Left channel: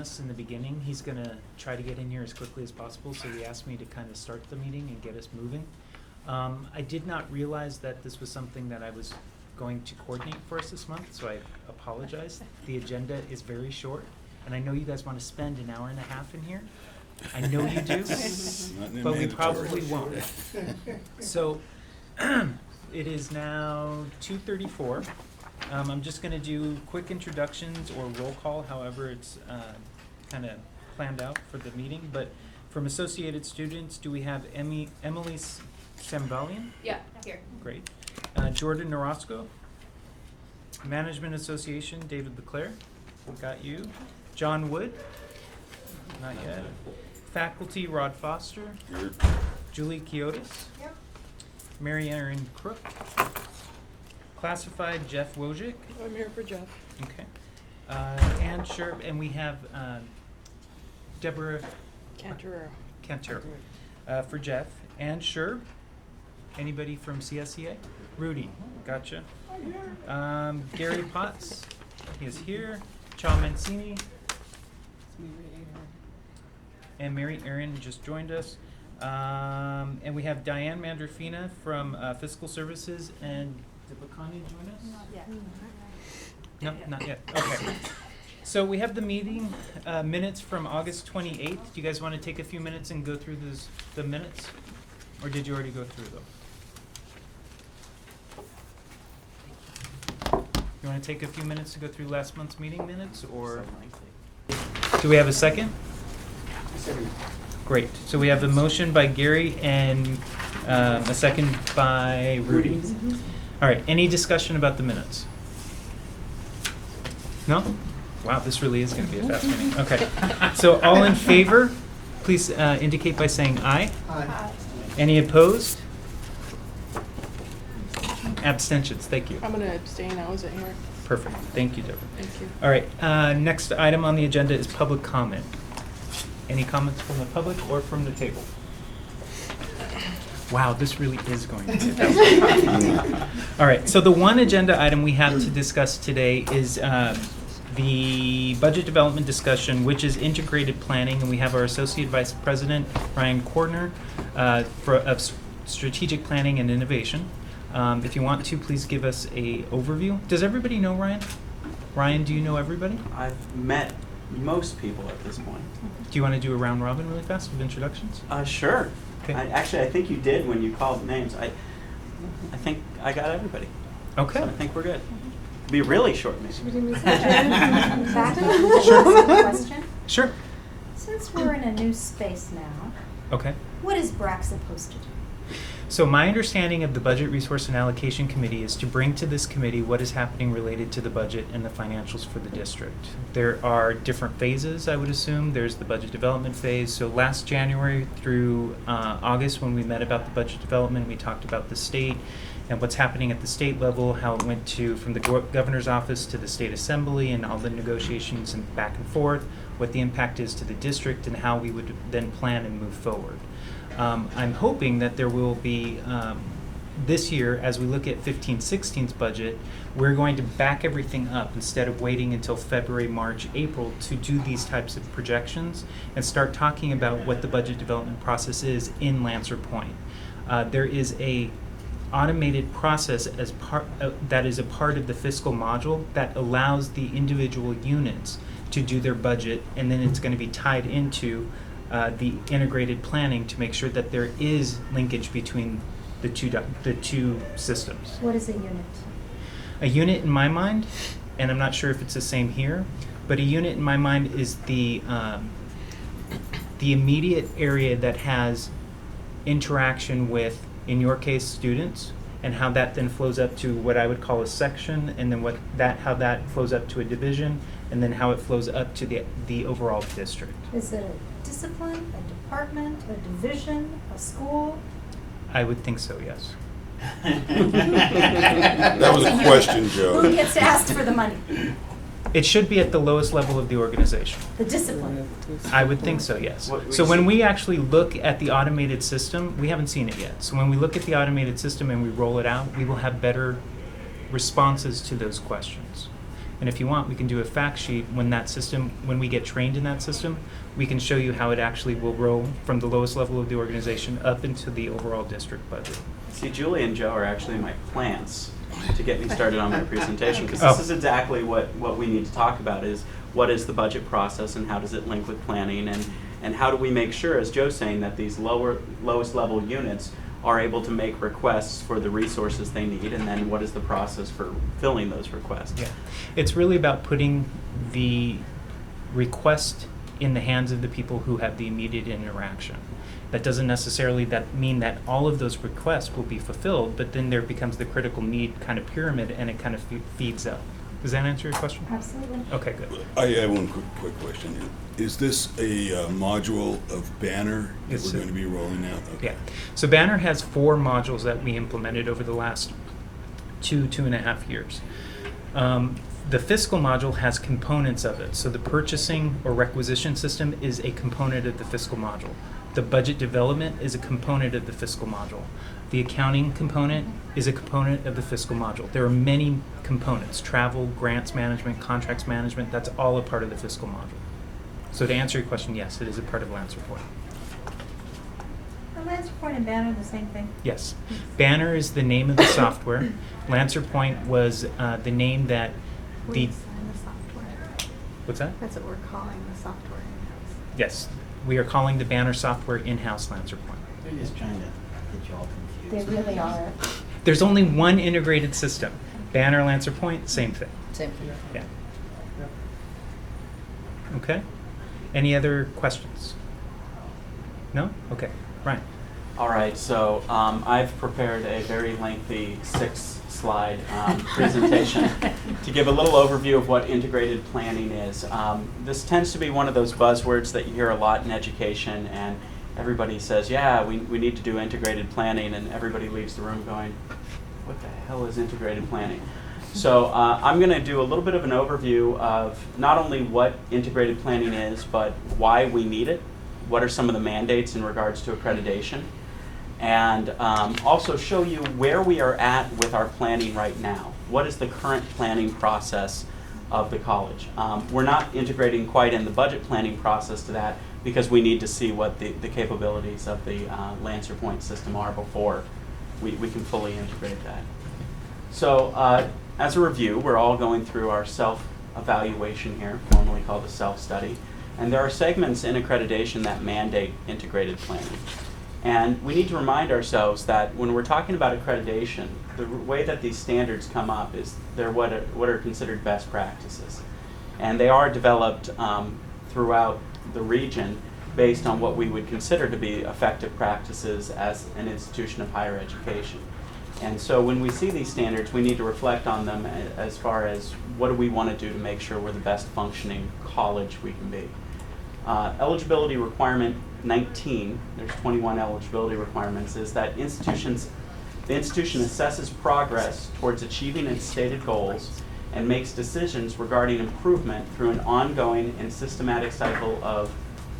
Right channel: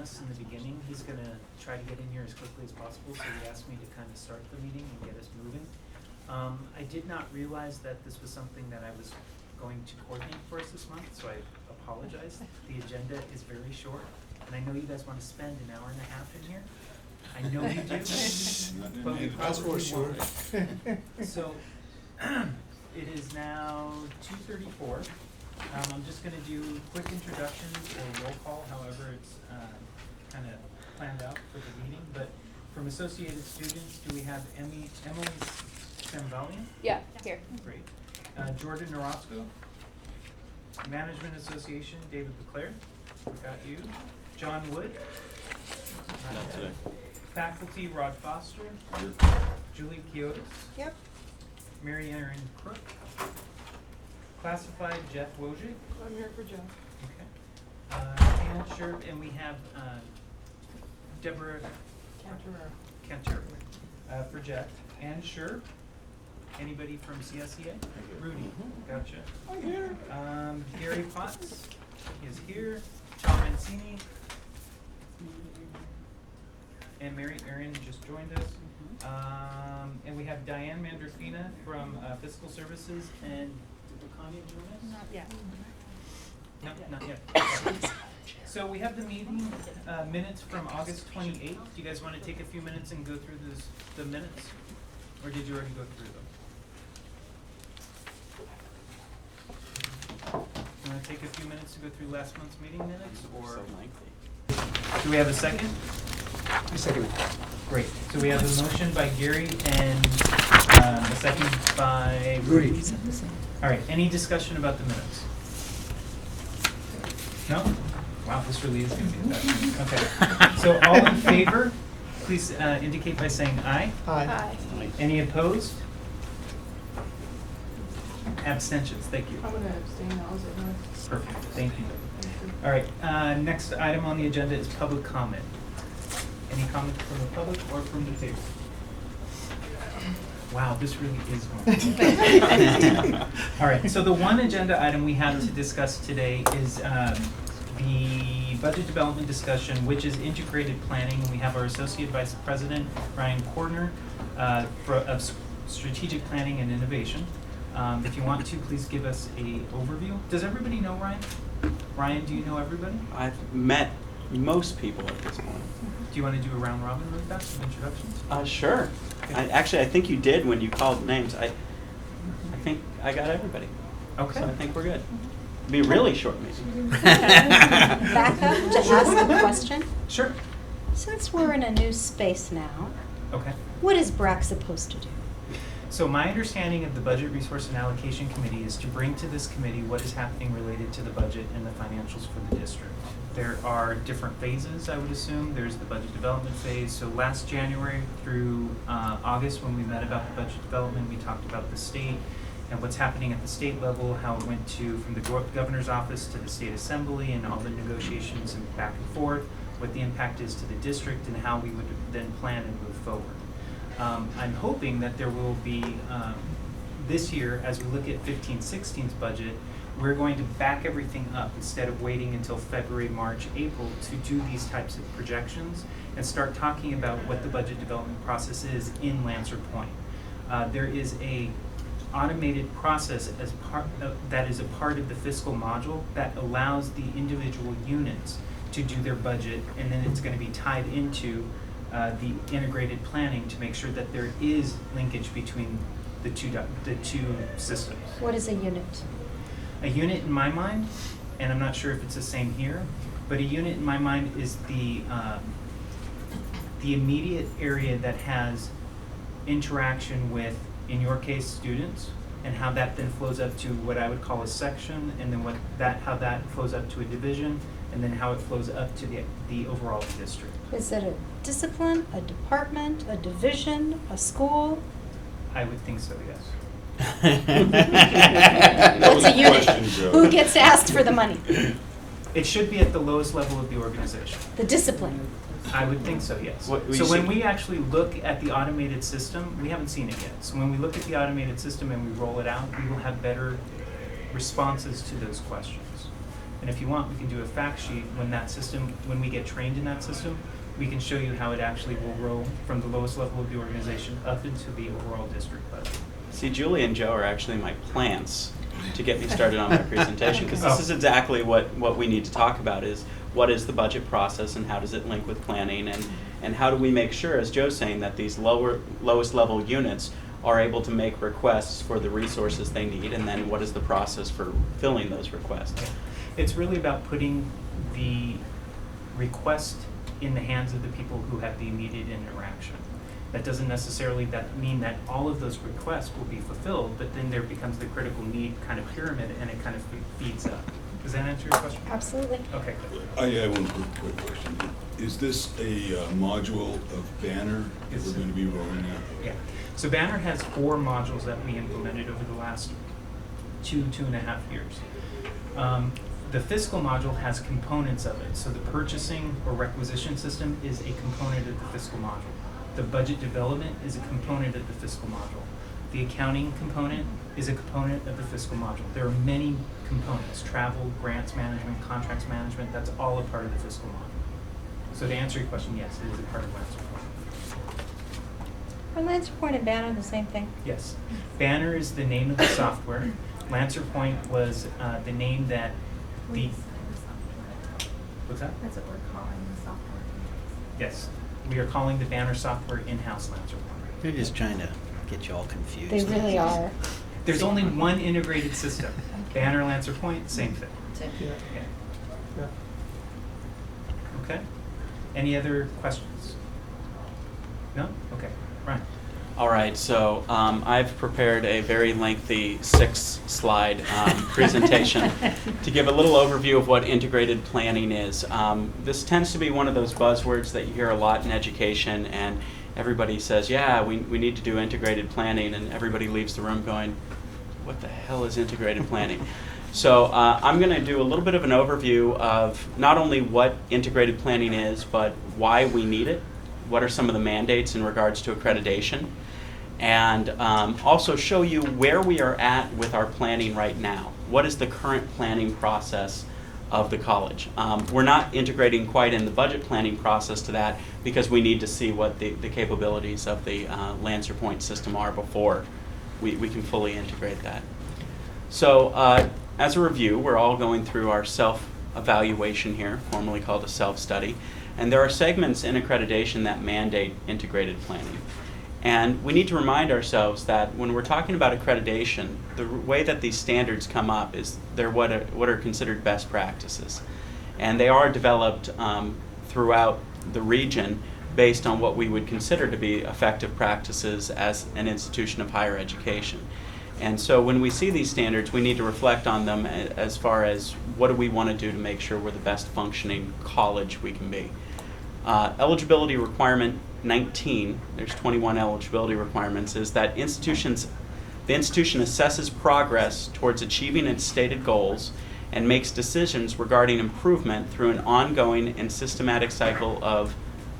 us in the beginning. He's gonna try to get in here as quickly as possible, so he asked me to kind of start the meeting and get us moving. I did not realize that this was something that I was going to coordinate for us this month, so I apologize. The agenda is very short, and I know you guys want to spend an hour and a half in here. I know you do, but we probably won't. So, it is now 2:34. I'm just gonna do quick introductions or roll call, however it's kind of planned out for the meeting. But from Associated Students, do we have Emily Sambalian? Yeah, here. Great. Jordan Norosco. Management Association, David LeClaire. Got you. John Wood. Not yet. Faculty, Rod Foster. Julie Kiotis. Yep. Mary Erin Crook. Classified, Jeff Wojcik. I'm here for Jeff. Okay. Ann Sherb, and we have Deborah Cantor for Jeff. Ann Sherb. Anybody from CSEA? Rudy, gotcha. I'm here. Gary Potts, he is here. Chow Mancini. And Mary Erin just joined us. And we have Diane Mandrafina from Fiscal Services. And did Lacania join us? Not yet. No, not yet. Okay. So we have the meeting minutes from August 28th. Do you guys want to take a few minutes and go through the minutes? Or did you already go through them? You want to take a few minutes to go through last month's meeting minutes, or do we have a second? A second. Great. So we have a motion by Gary and a second by Rudy. All right. Any discussion about the minutes? No? Wow, this really is going to be a fast meeting. Okay. So all in favor, please indicate by saying aye. Hi. Any opposed? Abstentions. Thank you. I'm going to abstain. I wasn't here. Perfect. Thank you, Deborah. Thank you. All right. Next item on the agenda is public comment. Any comments from the public or from the table? Wow, this really is going to be fast. All right. So the one agenda item we have to discuss today is the budget development discussion, which is integrated planning, and we have our Associate Vice President, Ryan Cordner, of Strategic Planning and Innovation. If you want to, please give us a overview. Does everybody know Ryan? Ryan, do you know everybody? I've met most people at this point. Do you want to do a round robin really fast with introductions? Sure. Okay. I think you did when you called names. I think I got everybody. Okay. So I think we're good. It'll be a really short meeting. Back up to ask a question. Sure. Since we're in a new space now, Okay. what is Brac supposed to do? So my understanding of the Budget Resource and Allocation Committee is to bring to this committee what is happening related to the budget and the financials for the district. There are different phases, I would assume. There's the budget development phase. So last January through August, when we met about the budget development, we talked about the state and what's happening at the state level, how it went from the governor's office to the state assembly and all the negotiations and back and forth, what the impact is to the district and how we would then plan and move forward. I'm hoping that there will be, this year, as we look at 15-16's budget, we're going to back everything up instead of waiting until February, March, April to do these types of projections and start talking about what the budget development process is in Lancer Point. There is a automated process as that is a part of the fiscal module that allows the individual units to do their budget, and then it's going to be tied into the integrated planning to make sure that there is linkage between the two systems. What is a unit? A unit in my mind, and I'm not sure if it's the same here, but a unit in my mind is the immediate area that has interaction with, in your case, students, and how that then flows up to what I would call a section, and then how that flows up to a division, and then how it flows up to the overall district. Is it a discipline, a department, a division, a school? I would think so, yes. That was That's a unit. question, Joe. Who gets asked for the money? It should be at the lowest level of the organization. The discipline. I would think so, yes. What So we when see- we actually look at the automated system, we haven't seen it yet. So when we look at the automated system and we roll it out, we will have better responses to those questions. And if you want, we can do a fact sheet when we get trained in that system, we can show you how it actually will roll from the lowest level of the organization up into the overall district budget. See, Julie and Joe are actually my plants to get me started on my presentation, because this Oh. is exactly what we need to talk about is what is the budget process and how does it link with planning, and how do we make sure, as Joe's saying, that these lowest level units are able to make requests for the resources they need, and then what is the process for filling those requests. Yeah. It's really about putting the request in the hands of the people who have the immediate interaction. That doesn't necessarily mean that all of those requests will be fulfilled, but then there becomes the critical need kind of pyramid, and it kind of feeds up. Does that answer your question? Absolutely. Okay, good. I have one quick question. Is this a module of Banner that It's we're a- going to be rolling out? Okay. Yeah. So Banner has 4 modules that we implemented over the last 2.5 years. The fiscal module has components of it. So the purchasing or requisition system is a component of the fiscal module. The budget development is a component of the fiscal module. The accounting component is a component of the fiscal module. There are many components: travel, grants management, contracts management. That's all a part of the fiscal module. So to answer your question, yes, it is a part of Lancer Point. Are Lancer Point and Banner the same thing? Yes. Banner is the name of the software. Lancer Point was the name that the... What's that? That's what we're calling the software. Yes. We are calling the Banner software in-house Lancer Point. They're just trying to get you all confused. They really are. There's only one integrated system. Banner, Lancer Point, same thing. Same here. Yeah. Okay. Any other questions? No? Okay. Ryan. All right, so I've prepared a very lengthy 6-slide presentation to give a little overview of what integrated planning is. This tends to be one of those buzzwords that you hear a lot in education, and everybody says, yeah, we need to do integrated planning, and everybody leaves the room going, what the hell is integrated planning? So I'm going to do a little bit of an overview of not only what integrated planning is, but why we need it, what are some of the mandates in regards to accreditation, and also show you where we are at with our planning right now. What is the current planning process of the college? We're not integrating quite in the budget planning process to that because we need to see what the capabilities of the Lancer Point system are before we can fully integrate that. So as a review, we're all going through our self-evaluation here, formerly called a self-study, and there are segments in accreditation that mandate integrated planning. And we need to remind ourselves that when we're talking about accreditation, the way that these standards come up is they're what are considered best practices. And they are developed throughout the region based on what we would consider to be effective practices as an institution of higher education. And so when we see these standards, we need to reflect on them as far as what do we want to do to make sure we're the best functioning college we can be. Eligibility requirement 19, there's 21 eligibility requirements, is that the institution assesses progress towards achieving its stated goals and makes decisions regarding improvement through an ongoing and systematic cycle of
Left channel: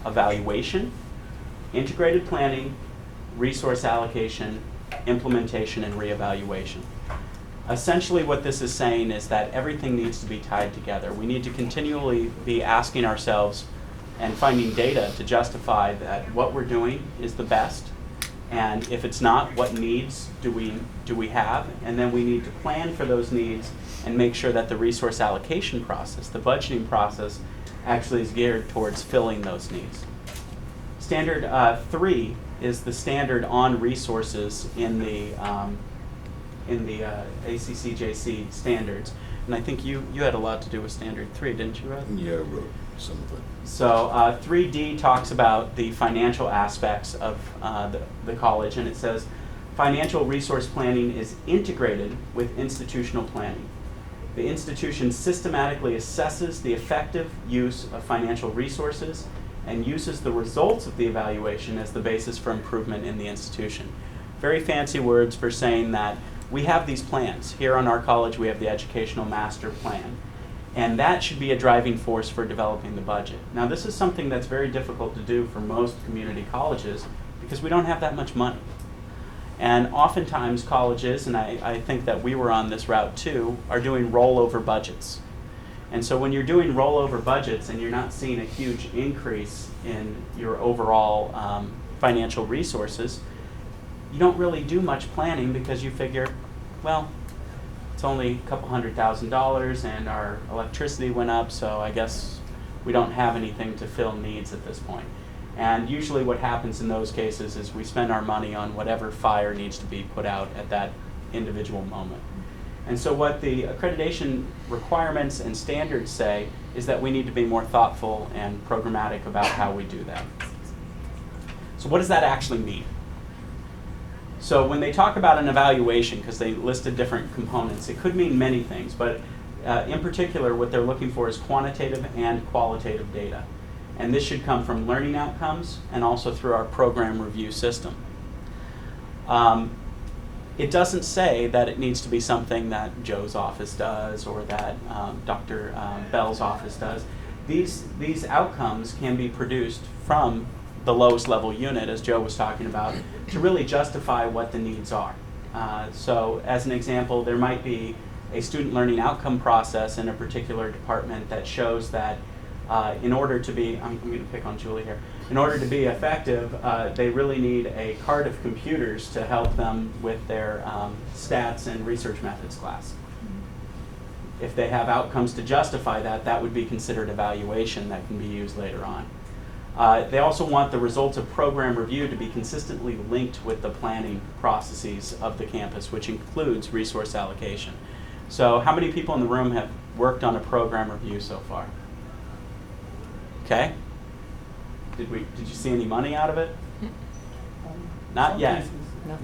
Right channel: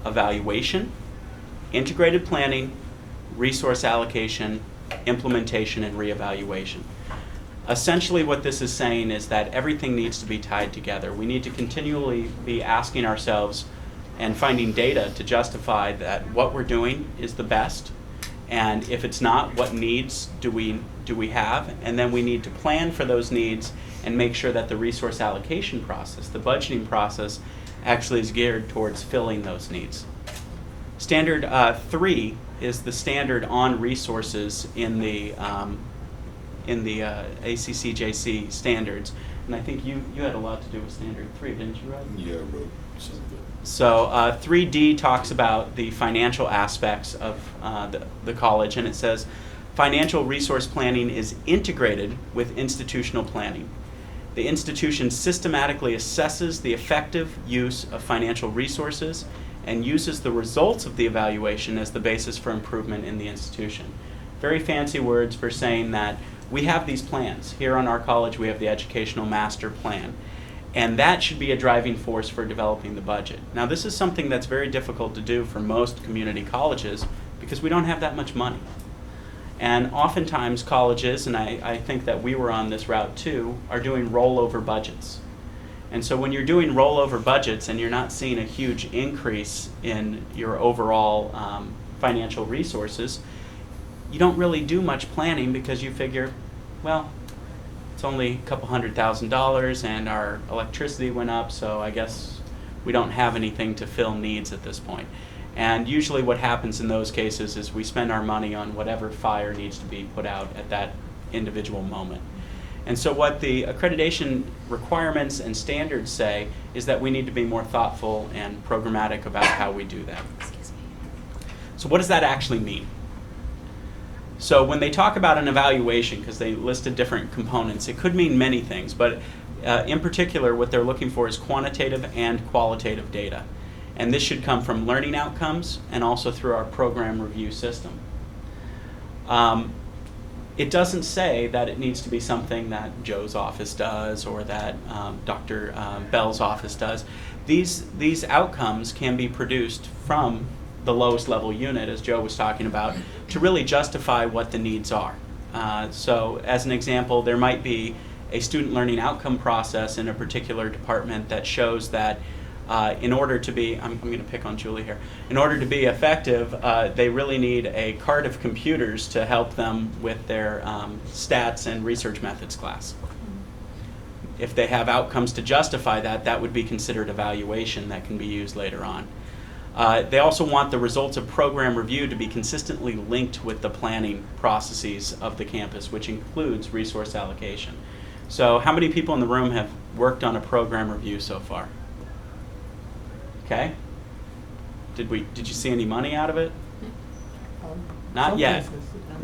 evaluation, integrated planning, resource allocation, implementation, and reevaluation. Essentially what this is saying is that everything needs to be tied together. We need to continually be asking ourselves and finding data to justify that what we're doing is the best, and if it's not, what needs do we have, and then we need to plan for those needs and make sure that the resource allocation process, the budgeting process, actually is geared towards filling those needs. Standard 3 is the standard on resources in the ACCJC standards, and I think you had a lot to do with Standard 3, didn't you, Rod? Yeah, I wrote some of it. So 3D talks about the financial aspects of the college, and it says, financial resource planning is integrated with institutional planning. The institution systematically assesses the effective use of financial resources and uses the results of the evaluation as the basis for improvement in the institution. Very fancy words for saying that we have these plans. Here on our college, we have the Educational Master Plan. And that should be a driving force for developing the budget. Now, this is something that's very difficult to do for most community colleges because we don't have that much money. And oftentimes colleges, and I think that we were on this route too, are doing rollover budgets. And so when you're doing rollover budgets and you're not seeing a huge increase in your overall financial resources, you don't really do much planning because you figure, well, it's only a couple $100,000 and our electricity went up, so I guess we don't have anything to fill needs at this point. And usually what happens in those cases is we spend our money on whatever fire needs to be put out at that individual moment. And so what the accreditation requirements and standards say is that we need to be more thoughtful and programmatic about how we do that. So what does that actually mean? So when they talk about an evaluation, because they listed different components, it could mean many things, but in particular what they're looking for is quantitative and qualitative data. And this should come from learning outcomes and also through our program review system. It doesn't say that it needs to be something that Joe's office does or that Dr. Bell's office does. These outcomes can be produced from the lowest level unit, as Joe was talking about, to really justify what the needs are. So as an example, there might be a student learning outcome process in a particular department that shows that in order to be, I'm going to pick on Julie here, in order to be effective, they really need a cart of computers to help them with their stats and research methods class. If they have outcomes to justify that, that would be considered evaluation that can be used later on. They also want the results of program review to be consistently linked with the planning processes of the campus, which includes resource allocation. So how many people in the room have worked on a program review so far? Okay. Did you see any money out of it? Not yet.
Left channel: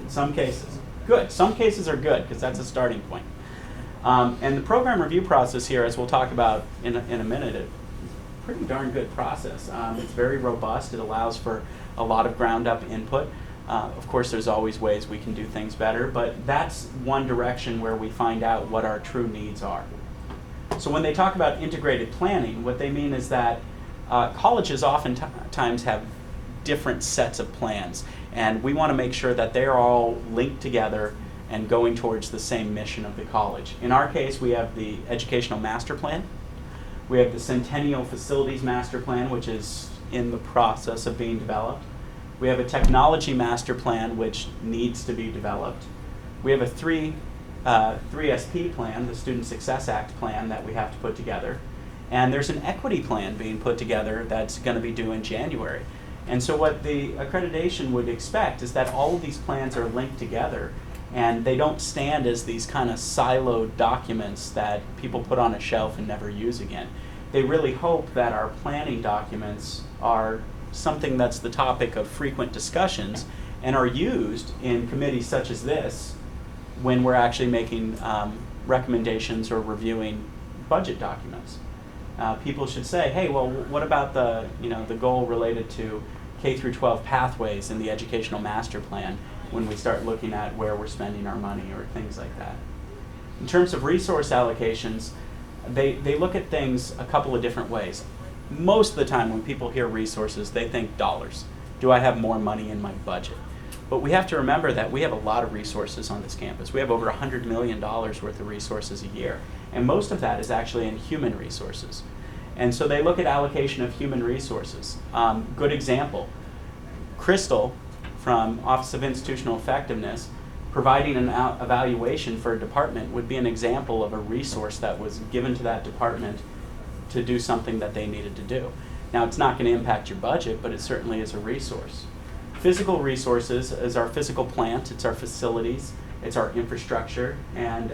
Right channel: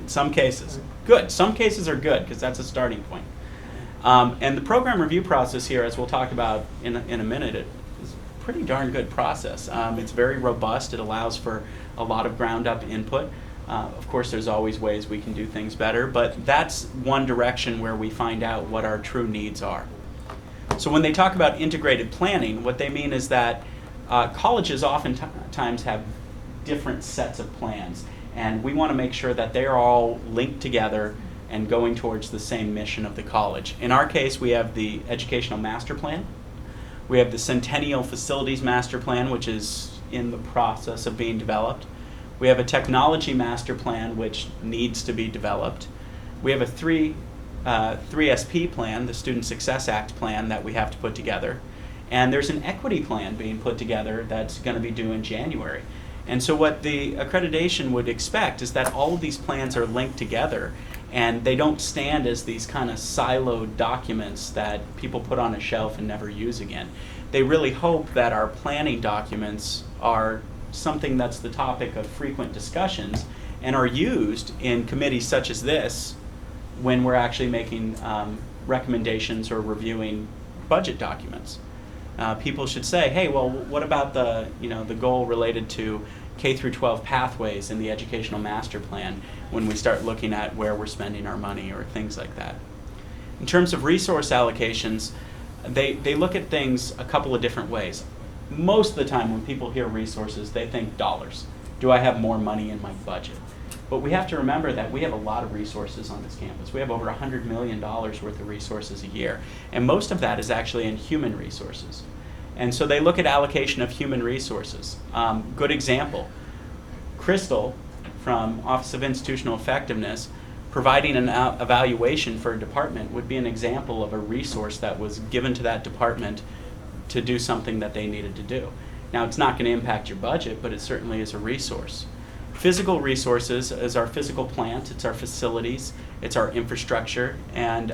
In some cases. Good. Some cases are good because that's a starting point. And the program review process here, as we'll talk about in a minute, is a pretty darn good process. It's very robust. It allows for a lot of ground up input. Of course, there's always ways we can do things better, but that's one direction where we find out what our true needs are. So when they talk about integrated planning, what they mean is that colleges oftentimes have different sets of plans, and we want to make sure that they're all linked together and going towards the same mission of the college. In our case, we have the Educational Master Plan. We have the Centennial Facilities Master Plan, which is in the process of being developed. We have a Technology Master Plan, which needs to be developed. We have a 3SP plan, the Student Success Act plan, that we have to put together. And there's an equity plan being put together that's going to be due in January. And so what the accreditation would expect is that all of these plans are linked together and they don't stand as these kind of siloed documents that people put on a shelf and never use again. They really hope that our planning documents are something that's the topic of frequent discussions and are used in committees such as this when we're actually making recommendations or reviewing budget documents. People should say, hey, well, what about the goal related to K through 12 pathways in the Educational Master Plan when we start looking at where we're spending our money or things like that. In terms of resource allocations, they look at things a couple of different ways. Most of the time when people hear resources, they think dollars. Do I have more money in my budget? But we have to remember that we have a lot of resources on this campus. We have over $100 million worth of resources a year. And most of that is actually in human resources. And so they look at allocation of human resources. Good example, Crystal from Office of Institutional Effectiveness, providing an evaluation for a department would be an example of a resource that was given to that department to do something that they needed to do. Now, it's not going to impact your budget, but it certainly is a resource. Physical resources is our physical plant, it's our facilities, it's our infrastructure, and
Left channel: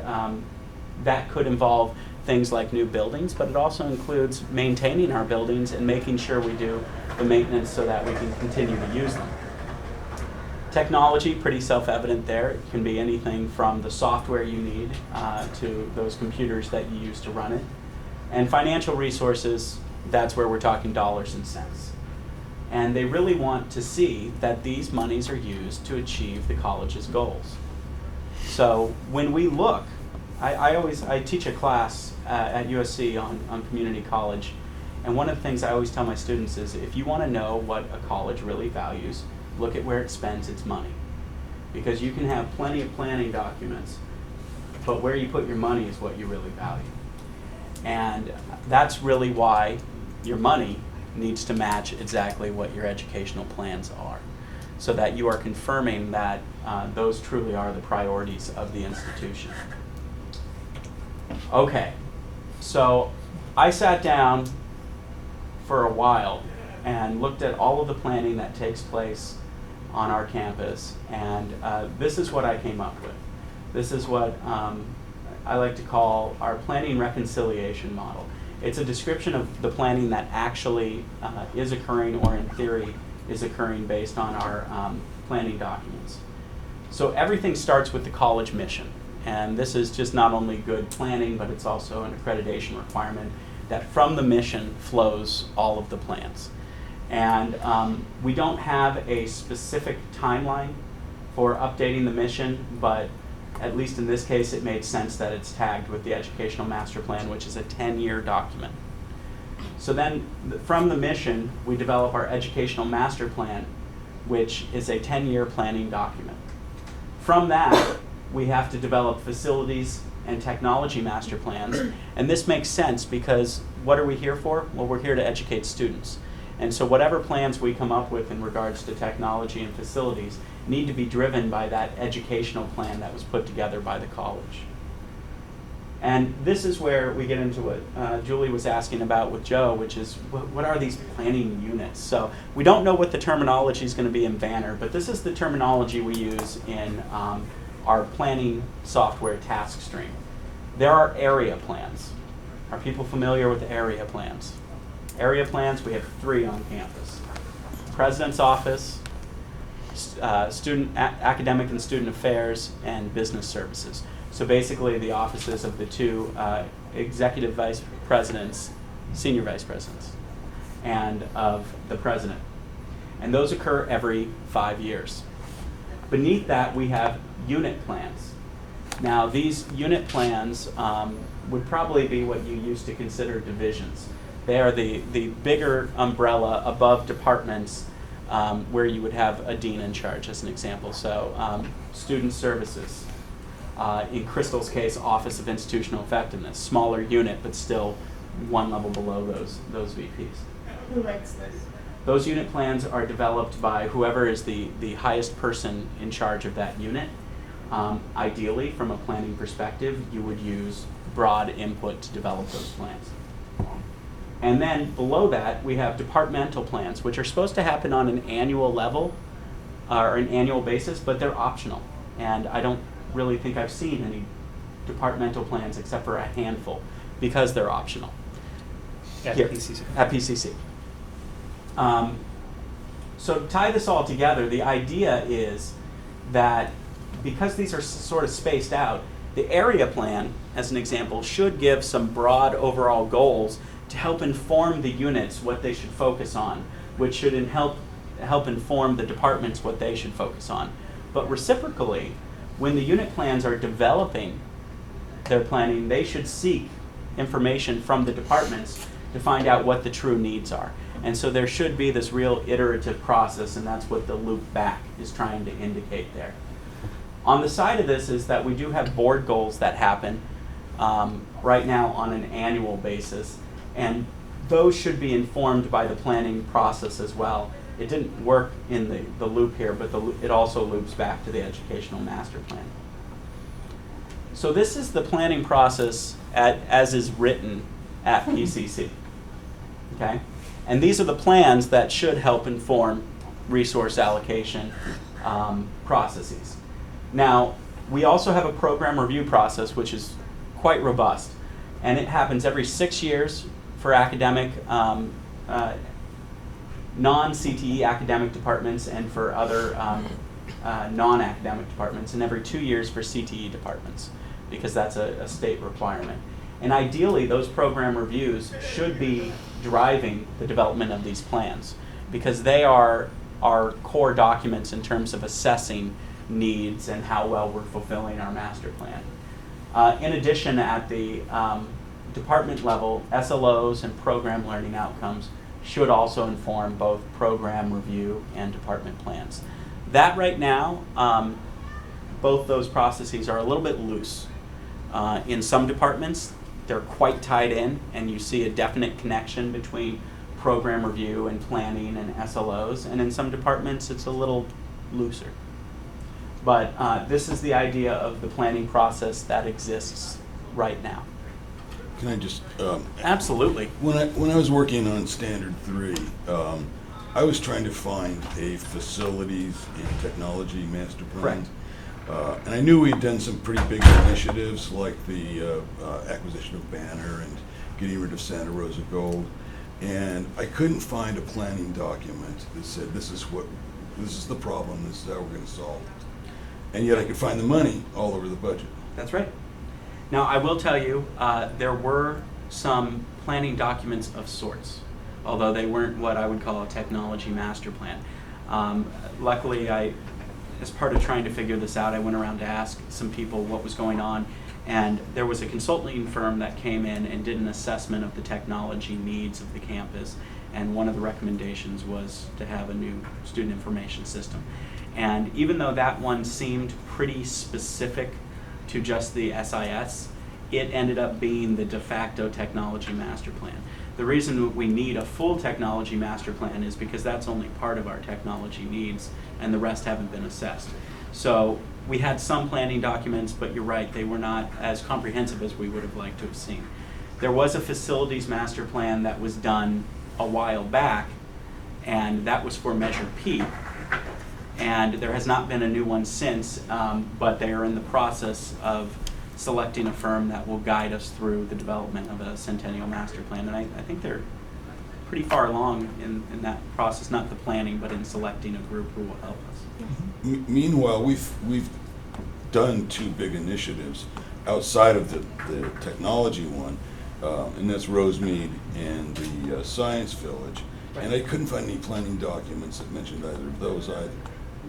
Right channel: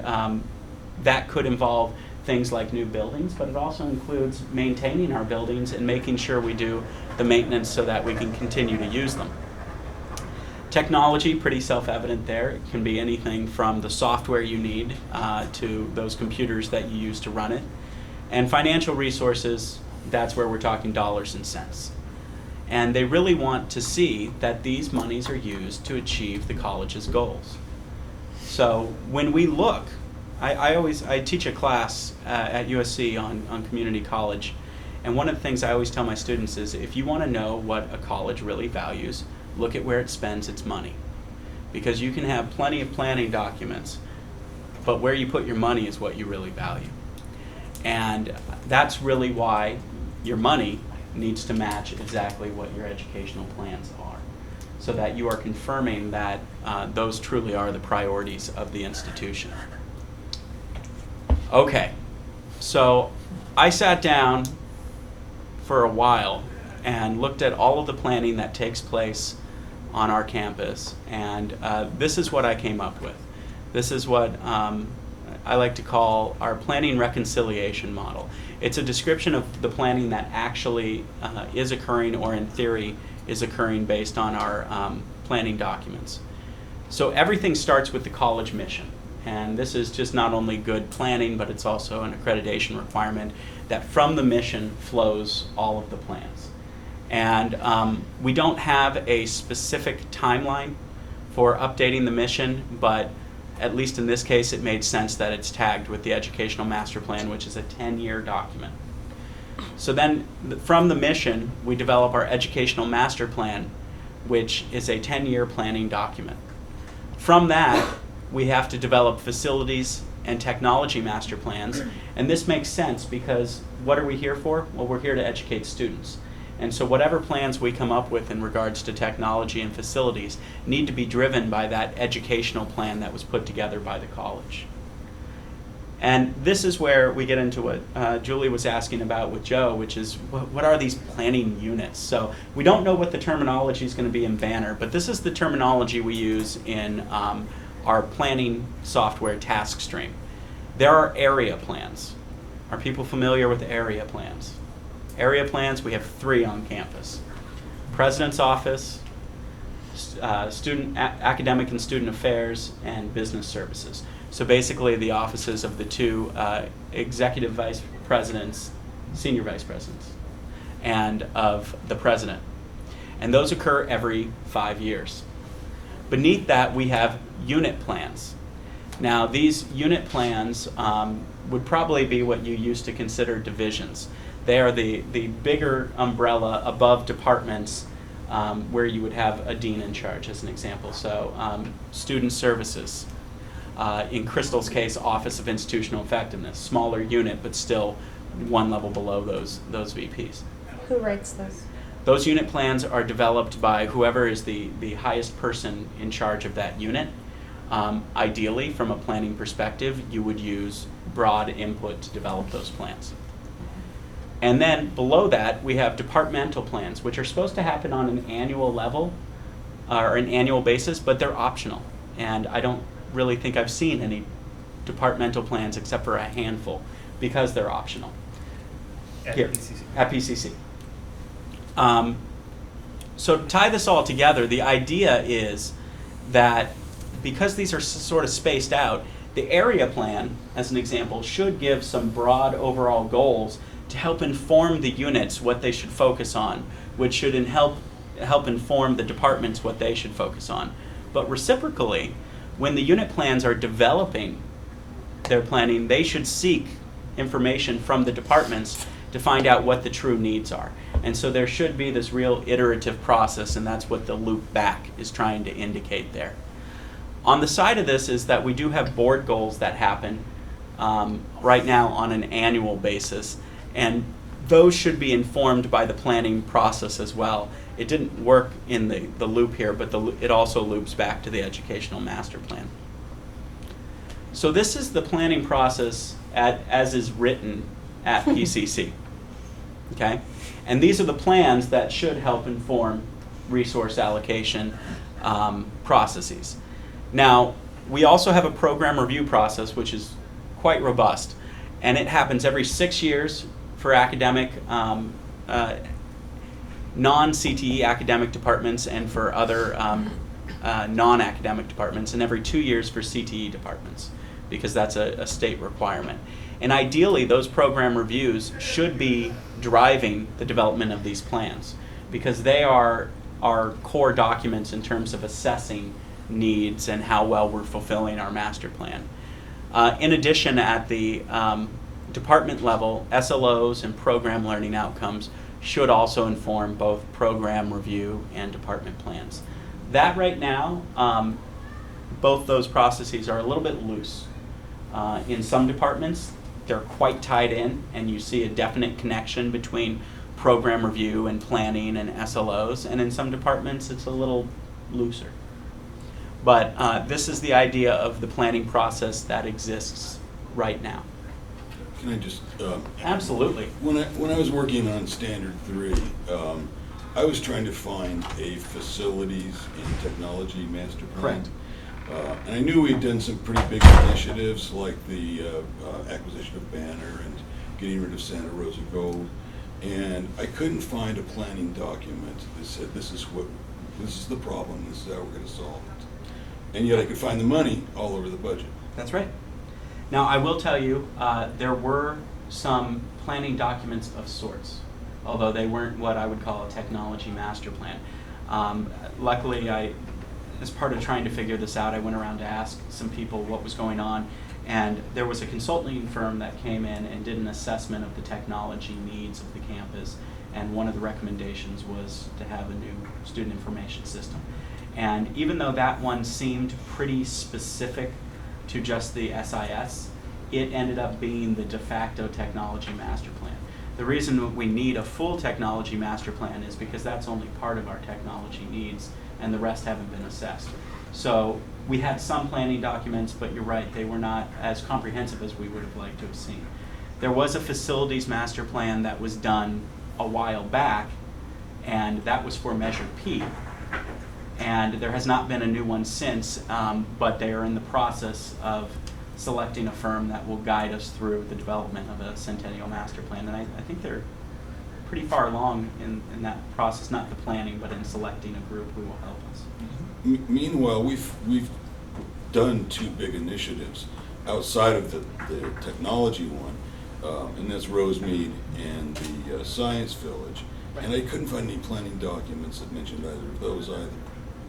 that could involve things like new buildings, but it also includes maintaining our buildings and making sure we do the maintenance so that we can continue to use them. Technology, pretty self-evident there. It can be anything from the software you need to those computers that you use to run it. And financial resources, that's where we're talking dollars and cents. And they really want to see that these monies are used to achieve the college's goals. So when we look, I teach a class at USC on community college, and one of the things I always tell my students is if you want to know what a college really values, look at where it spends its money. Because you can have plenty of planning documents, but where you put your money is what you really value. And that's really why your money needs to match exactly what your educational plans are, so that you are confirming that those truly are the priorities of the institution. Okay, so I sat down for a while and looked at all of the planning that takes place on our campus, and this is what I came up with. This is what I like to call our planning reconciliation model. It's a description of the planning that actually is occurring, or in theory is occurring, based on our planning documents. So everything starts with the college mission, and this is just not only good planning, but it's also an accreditation requirement that from the mission flows all of the plans. And we don't have a specific timeline for updating the mission, but at least in this case, it made sense that it's tagged with the Educational Master Plan, which is a 10-year document. So then from the mission, we develop our Educational Master Plan, which is a 10-year planning document. From that, we have to develop facilities and technology master plans. And this makes sense because what are we here for? Well, we're here to educate students. And so whatever plans we come up with in regards to technology and facilities need to be driven by that educational plan that was put together by the college. And this is where we get into what Julie was asking about with Joe, which is what are these planning units? So we don't know what the terminology is going to be in Banner, but this is the terminology we use in our planning software task stream. There are area plans. Are people familiar with area plans? Area plans, we have 3 on campus. President's Office, Academic and Student Affairs, and Business Services. So basically the offices of the 2 executive vice presidents, senior vice presidents, and of the president. And those occur every 5 years. Beneath that, we have unit plans. Now, these unit plans would probably be what you used to consider divisions. They are the bigger umbrella above departments where you would have a dean in charge, as an example. So student services, in Crystal's case, Office of Institutional Effectiveness, smaller unit, but still one level below those VPs. Who writes those? Those unit plans are developed by whoever is the highest person in charge of that unit. Ideally, from a planning perspective, you would use broad input to develop those plans. And then below that, we have departmental plans, which are supposed to happen on an annual level, or an annual basis, but they're optional. And I don't really think I've seen any departmental plans except for a handful, because they're optional. At Here, PCC. At PCC. So to tie this all together, the idea is that because these are sort of spaced out, the area plan, as an example, should give some broad overall goals to help inform the units what they should focus on, which should help inform the departments what they should focus on. But reciprocally, when the unit plans are developing their planning, they should seek information from the departments to find out what the true needs are. And so there should be this real iterative process, and that's what the loop back is trying to indicate there. On the side of this is that we do have board goals that happen right now on an annual basis, and those should be informed by the planning process as well. It didn't work in the loop here, but it also loops back to the Educational Master Plan. So this is the planning process as is written at PCC. Okay? And these are the plans that should help inform resource allocation processes. Now, we also have a program review process, which is quite robust, and it happens every 6 years for academic, non-CTE academic departments, and for other non-academic departments, and every 2 years for CTE departments, because that's a state requirement. And ideally, those program reviews should be driving the development of these plans, because they are our core documents in terms of assessing needs and how well we're fulfilling our master plan. In addition, at the department level, SLOs and program learning outcomes should also inform both program review and department plans. That right now, both those processes are a little bit loose. In some departments, they're quite tied in, and you see a definite connection between program review and planning and SLOs, and in some departments it's a little looser. But this is the idea of the planning process that exists right now. Can I just, Absolutely. when I was working on Standard 3, I was trying to find a facilities and technology master plan. Correct. And I knew we had done some pretty big initiatives like the acquisition of Banner and getting rid of Santa Rosa Gold. And I couldn't find a planning document that said, this is the problem, this is how we're gonna solve it. And yet I could find the money all over the budget. That's right. Now, I will tell you, there were some planning documents of sorts, although they weren't what I would call a technology master plan. Luckily, as part of trying to figure this out, I went around to ask some people what was going on, and there was a consulting firm that came in and did an assessment of the technology needs of the campus, and one of the recommendations was to have a new student information system. And even though that one seemed pretty specific to just the SIS, it ended up being the de facto technology master plan. The reason we need a full technology master plan is because that's only part of our technology needs, and the rest haven't been assessed. So we had some planning documents, but you're right, they were not as comprehensive as we would have liked to have seen. There was a facilities master plan that was done a while back, and that was for Measure P. And there has not been a new one since, but they are in the process of selecting a firm that will guide us through the development of a Centennial Master Plan. And I think they're pretty far along in that process, not the planning, but in selecting a group who will help us. Meanwhile, we've done two big initiatives outside of the technology one, and that's Rosemead and the Science Village. Right. And I couldn't find any planning documents that mentioned either of those either.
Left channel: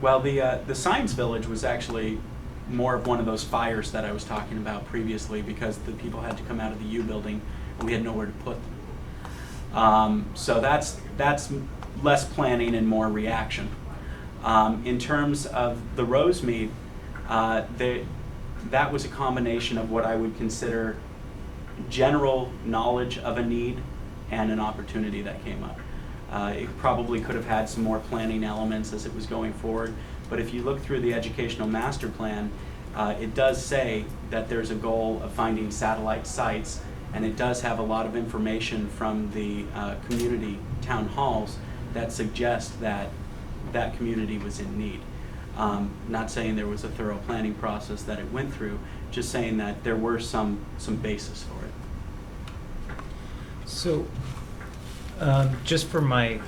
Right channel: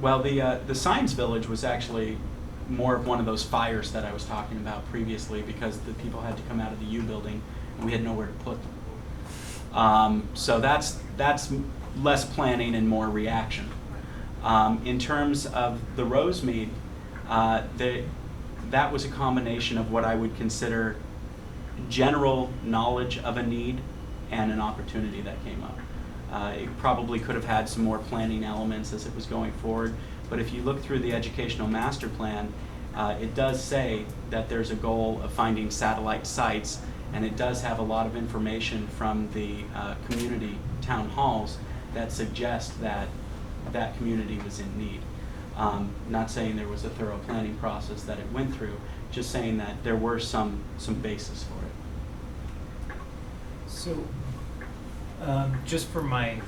Well, the Science Village was actually more of one of those fires that I was talking about previously, because the people had to come out of the U building and we had nowhere to put them. So that's less planning and more reaction. In terms of the Rosemead, that was a combination of what I would consider general knowledge of a need and an opportunity that came up. It probably could have had some more planning elements as it was going forward, but if you look through the educational master plan, it does say that there's a goal of finding satellite sites, and it does have a lot of information from the community town halls that suggest that that community was in need. Not saying there was a thorough planning process that it went through, just saying that there were some basis for it. So, just for my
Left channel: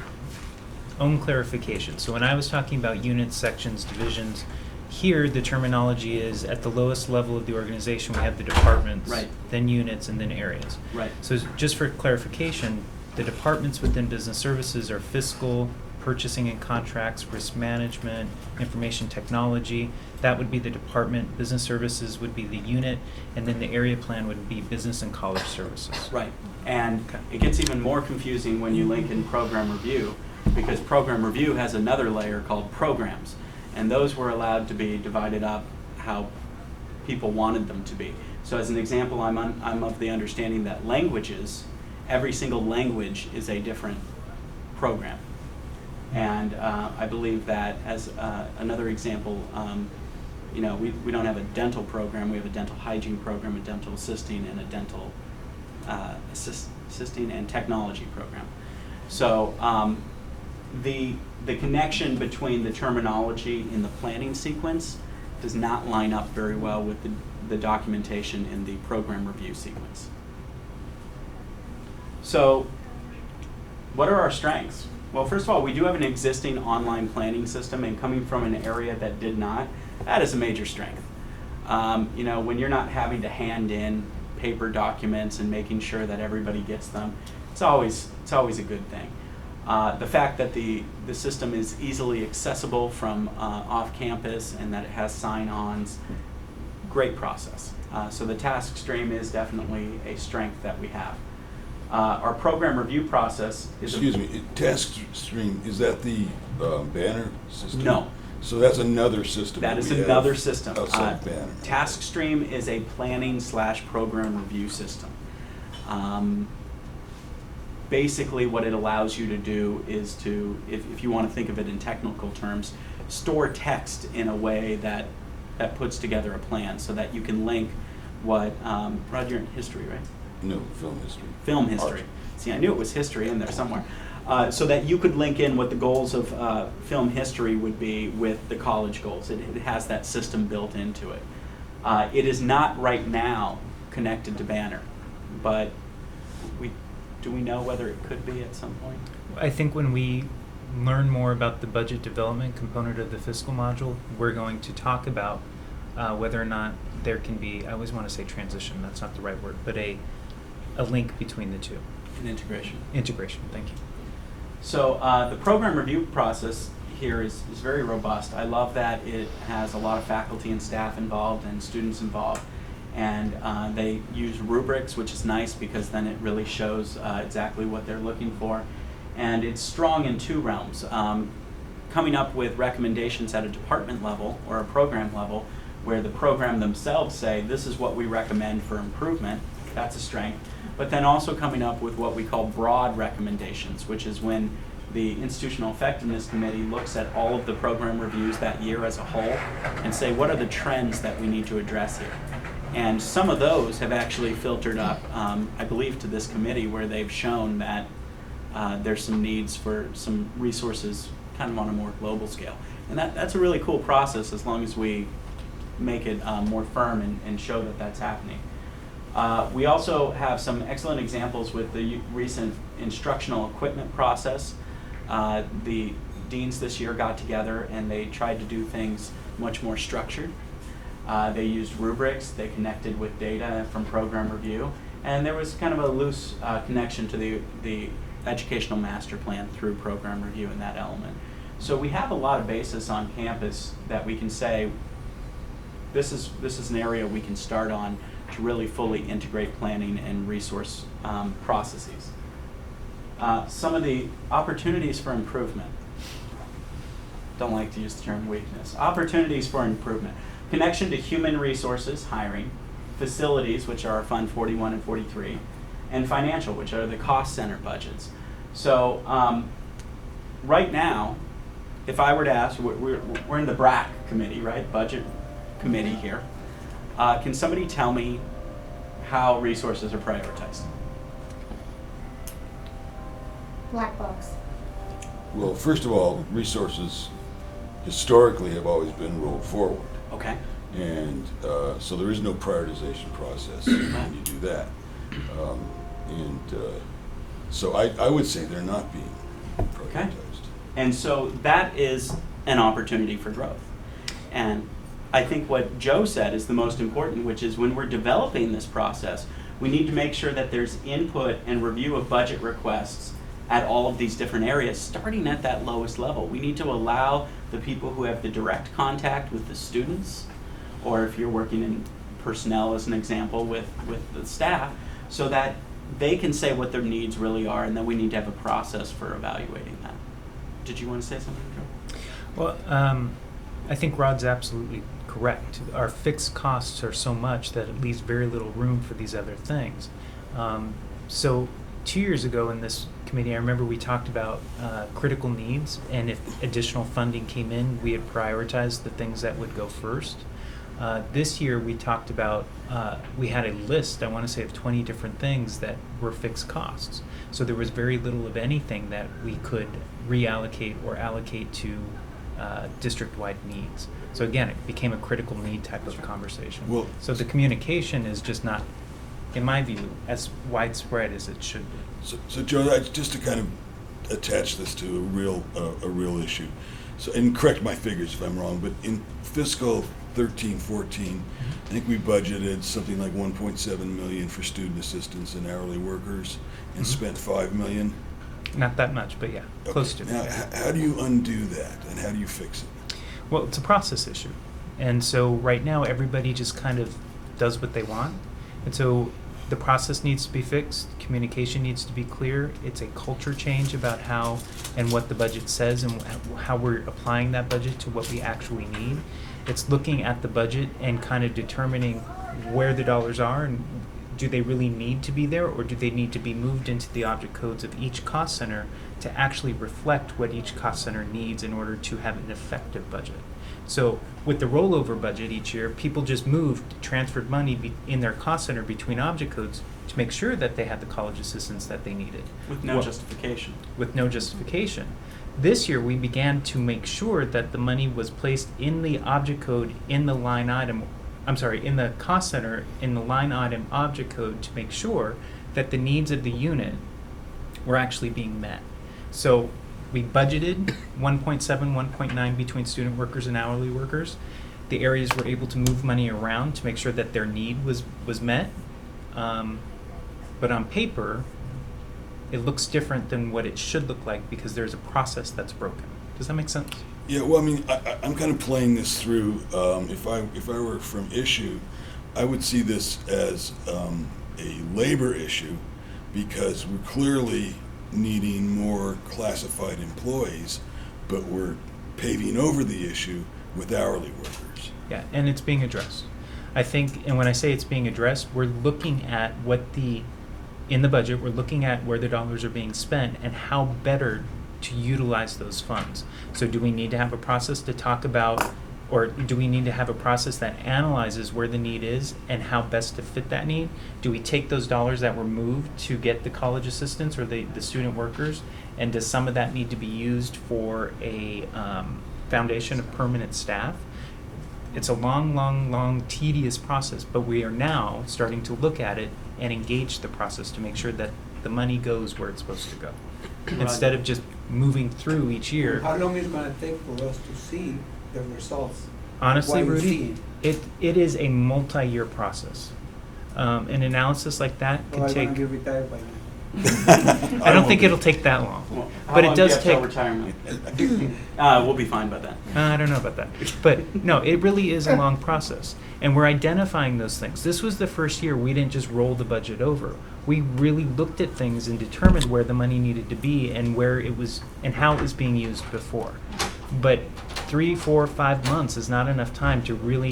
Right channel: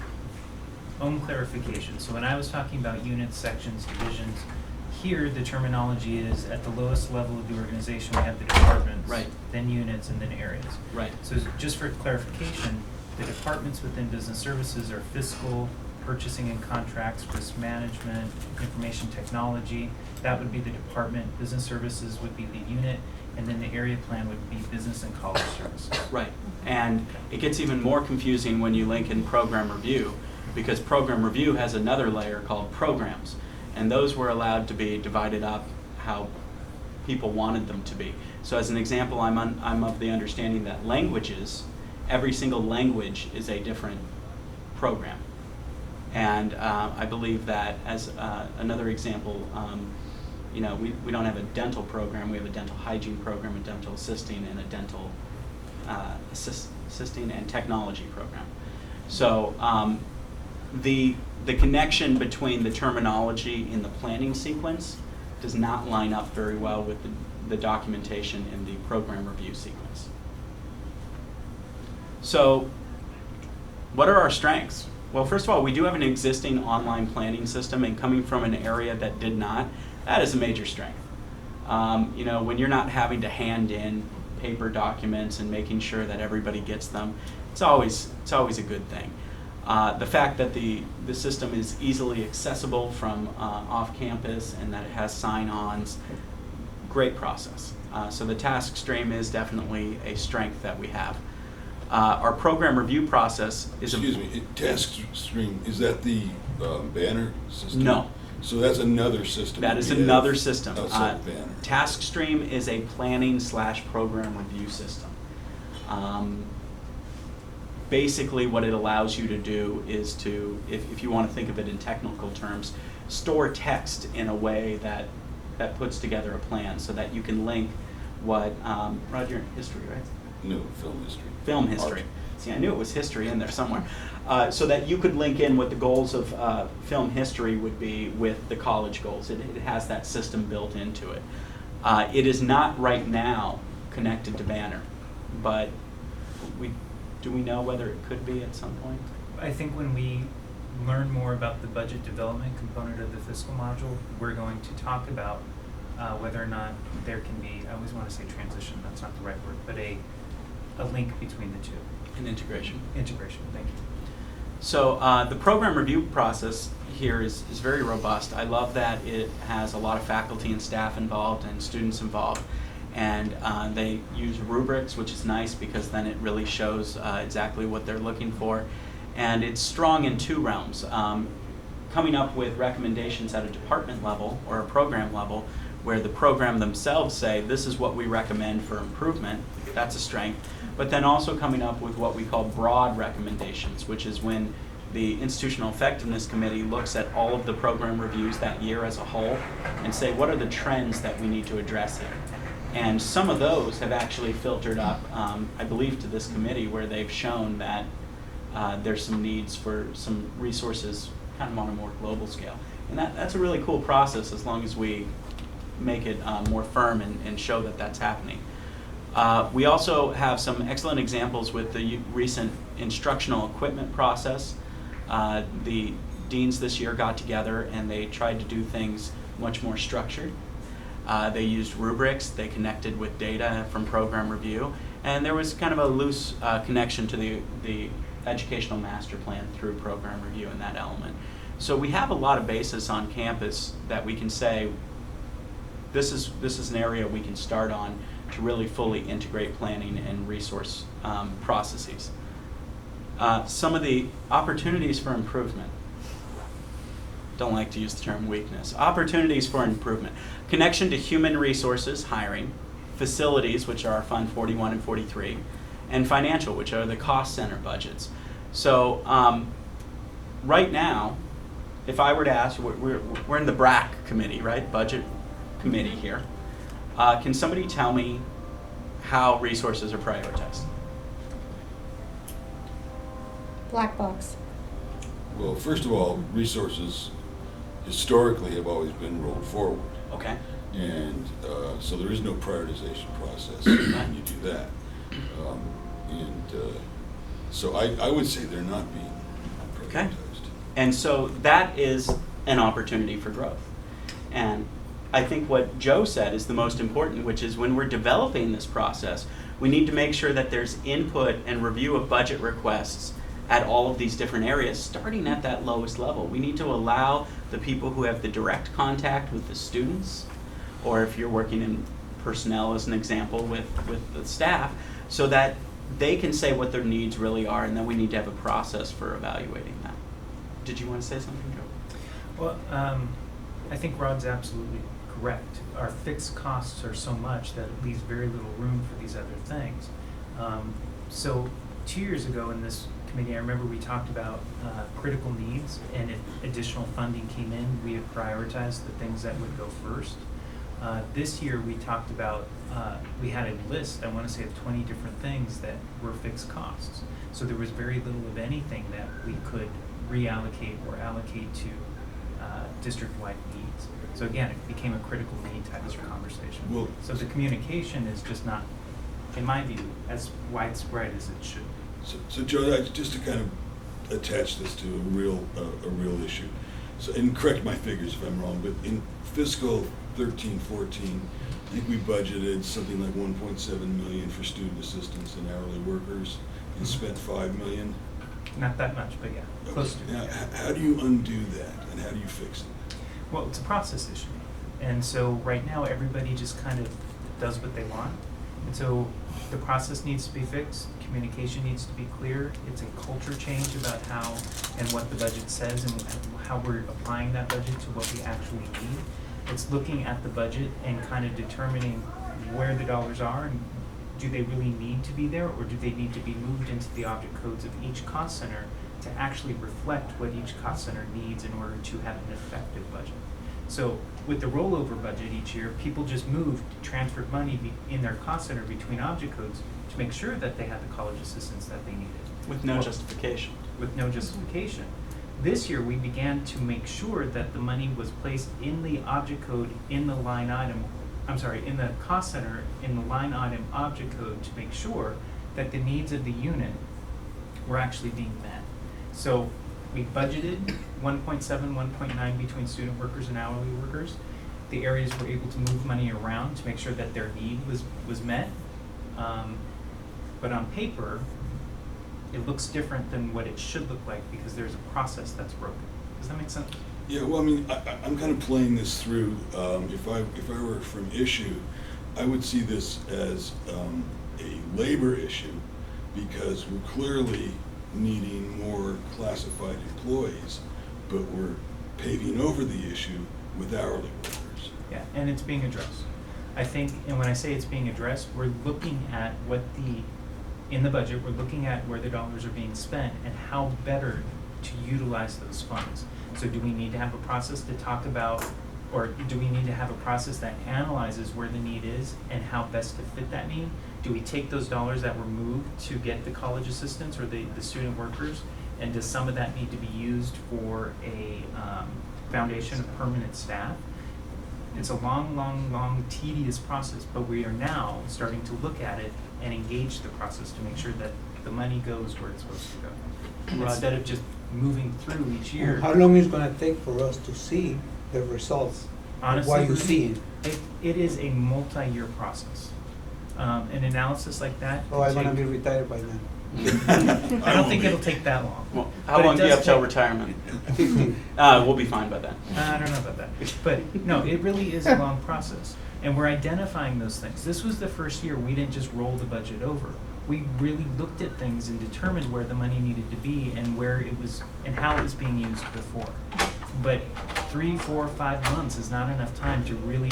own clarification, so when I was talking about units, sections, divisions, here the terminology is at the lowest level of the organization we have the departments, Right. then units, and then areas. Right. So just for clarification, the departments within business services are fiscal, purchasing and contracts, risk management, information technology. That would be the department. Business services would be the unit, and then the area plan would be business and college services. Right, and it gets even more confusing when you link in program review, because program review has another layer called programs, and those were allowed to be divided up how people wanted them to be. So as an example, I'm of the understanding that languages, every single language is a different program. And I believe that as another example, you know, we don't have a dental program, we have a dental hygiene program, a dental assisting, and a dental assisting and technology program. So the connection between the terminology in the planning sequence does not line up very well with the documentation in the program review sequence. So what are our strengths? Well, first of all, we do have an existing online planning system, and coming from an area that did not, that is a major strength. You know, when you're not having to hand in paper documents and making sure that everybody gets them, it's always a good thing. The fact that the system is easily accessible from off campus and that it has sign-ons, great process. So the task stream is definitely a strength that we have. Our program review process is Excuse me, task stream, is that the Banner system? No. So that's another system? That is we have another system. Outside Banner. Task stream is a planning / program review system. Basically, what it allows you to do is to, if you want to think of it in technical terms, store text in a way that puts together a plan so that you can link what, Rod, you're in history, right? No, film history. Film history. Art. See, I knew it was history in there somewhere. So that you could link in what the goals of film history would be with the college goals. It has that system built into it. It is not right now connected to Banner, but do we know whether it could be at some point? I think when we learn more about the budget development component of the fiscal module, we're going to talk about whether or not there can be, I always want to say transition, that's not the right word, but a link between the two. An integration. Integration, thank you. So the program review process here is very robust. I love that it has a lot of faculty and staff involved and students involved. And they use rubrics, which is nice because then it really shows exactly what they're looking for. And it's strong in two realms. Coming up with recommendations at a department level or a program level where the program themselves say, this is what we recommend for improvement. That's a strength. But then also coming up with what we call broad recommendations, which is when the Institutional Effectiveness Committee looks at all of the program reviews that year as a whole and say, what are the trends that we need to address here? And some of those have actually filtered up, I believe, to this committee where they've shown that there's some needs for some resources kind of on a more global scale. And that's a really cool process as long as we make it more firm and show that that's happening. We also have some excellent examples with the recent instructional equipment process. The deans this year got together and they tried to do things much more structured. They used rubrics, they connected with data from program review, and there was kind of a loose connection to the educational master plan through program review in that element. So we have a lot of basis on campus that we can say, this is an area we can start on to really fully integrate planning and resource processes. Some of the opportunities for improvement. Don't like to use the term weakness. Opportunities for improvement. Connection to human resources, hiring, facilities, which are Fund 41 and 43, and financial, which are the cost center budgets. So right now, if I were to ask, we're in the Brac committee, right? Budget committee here. Can somebody tell me how resources are prioritized? Black box. Well, first of all, resources historically have always been rolled forward. Okay. And so there is no prioritization process when you do that. So I would say they're not being prioritized. Okay. And so that is an opportunity for growth. And I think what Joe said is the most important, which is when we're developing this process, we need to make sure that there's input and review of budget requests at all of these different areas, starting at that lowest level. We need to allow the people who have the direct contact with the students, or if you're working in personnel as an example with the staff, so that they can say what their needs really are, and then we need to have a process for evaluating that. Did you want to say something, Joe? Well, I think Rod's absolutely correct. Our fixed costs are so much that it leaves very little room for these other things. So 2 years ago in this committee, I remember we talked about critical needs, and if additional funding came in, we had prioritized the things that would go first. This year we talked about, we had a list, I want to say, of 20 different things that were fixed costs. So there was very little of anything that we could reallocate or allocate to district-wide needs. So again, it became a critical need type of conversation. Well, so the communication is just not, in my view, as widespread as it should be. So Joe, just to kind of attach this to a real issue. So, and correct my figures if I'm wrong, but in fiscal 13-14, I think we budgeted something like 1.7 million for student assistants and hourly workers, and spent $5 million. Not that much, but yeah, close to. Now, how do you undo that, and how do you fix it? Well, it's a process issue. And so right now, everybody just kind of does what they want. And so the process needs to be fixed, communication needs to be clear. It's a culture change about how and what the budget says and how we're applying that budget to what we actually need. It's looking at the budget and kind of determining where the dollars are and do they really need to be there, or do they need to be moved into the object codes of each cost center to actually reflect what each cost center needs in order to have an effective budget? So with the rollover budget each year, people just transferred money in their cost center between object codes to make sure that they had the college assistance that they needed. With no Well, justification. with no justification. This year, we began to make sure that the money was placed in the object code in the line item, in the cost center, in the line item object code to make sure that the needs of the unit were actually being met. So we budgeted 1.7, 1.9 between student workers and hourly workers. The areas were able to move money around to make sure that their need was met. But on paper, it looks different than what it should look like because there's a process that's broken. Does that make sense? Yeah, well, I mean, I'm kind of playing this through, if I were from issue, I would see this as a labor issue because we're clearly needing more classified employees, but we're paving over the issue with hourly workers. Yeah, and it's being addressed. I think, and when I say it's being addressed, we're looking at in the budget, we're looking at where the dollars are being spent and how better to utilize those funds. So do we need to have a process to talk about, or do we need to have a process that analyzes where the need is and how best to fit that need? Do we take those dollars that were moved to get the college assistants or the student workers, and does some of that need to be used for a foundation of permanent staff? It's a long, tedious process, but we are now starting to look at it and engage the process to make sure that the money goes where it's supposed to go. Instead of just moving through each year. How long is it gonna take for us to see the results? Honestly, What you Rudy, see? it is a multi-year process. An analysis like that Oh, could I'm take. gonna get retired by then. I don't think it'll take that long. Well, how But it long do you does have till take- retirement? 15. We'll be fine by then. I don't know about that. But no, it really is a long process. And we're identifying those things. This was the first year we didn't just roll the budget over. We really looked at things and determined where the money needed to be and where it was and how it was being used before. But 3, 4, 5 months is not enough time to really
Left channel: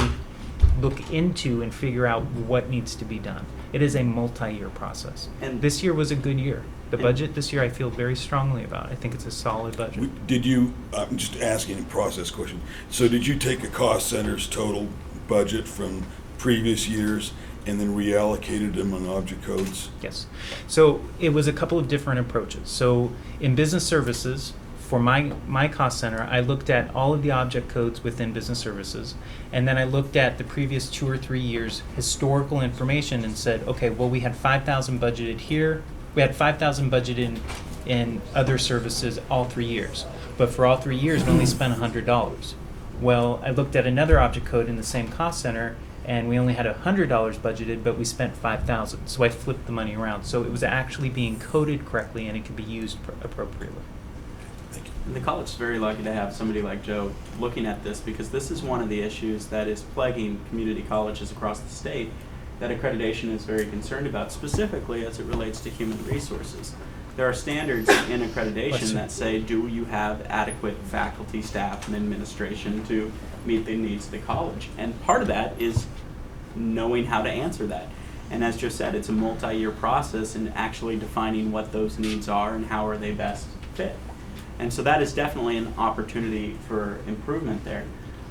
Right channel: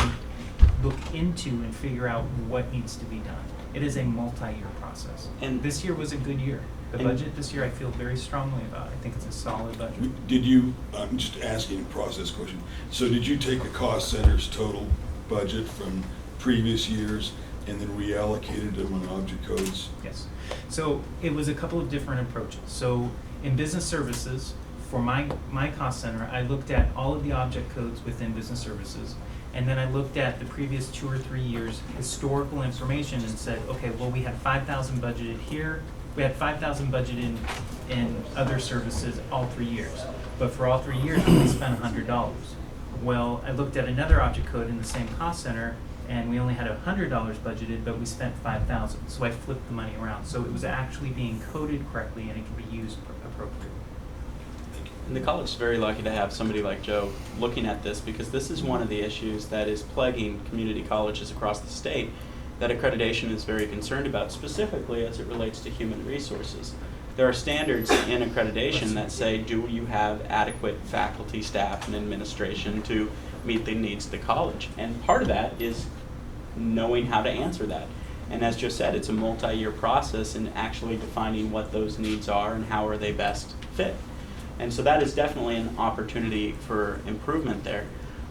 look into and figure out what needs to be done. It is a multi-year process. And- this year was a good year. The and- budget this year I feel very strongly about. I think it's a solid budget. Did you, I'm just asking a process question, so did you take a cost center's total budget from previous years and then reallocated them on object codes? Yes. So it was a couple of different approaches. So in business services, for my cost center, I looked at all of the object codes within business services, and then I looked at the previous 2 or 3 years historical information and said, okay, well, we had 5,000 budgeted here. We had 5,000 budgeted in other services all 3 years. But for all 3 years, we only spent $100. Well, I looked at another object code in the same cost center, and we only had $100 budgeted, but we spent 5,000. So I flipped the money around. So it was actually being coded correctly, and it could be used appropriately. And the college is very lucky to have somebody like Joe looking at this because this is one of the issues that is plaguing community colleges across the state that accreditation is very concerned about, specifically as it relates to human resources. There are standards in accreditation that say, do you have adequate faculty, staff, and administration to meet the needs of the college? And part of that is knowing how to answer that. And as Joe said, it's a multi-year process in actually defining what those needs are and how are they best fit. And so that is definitely an opportunity for improvement there.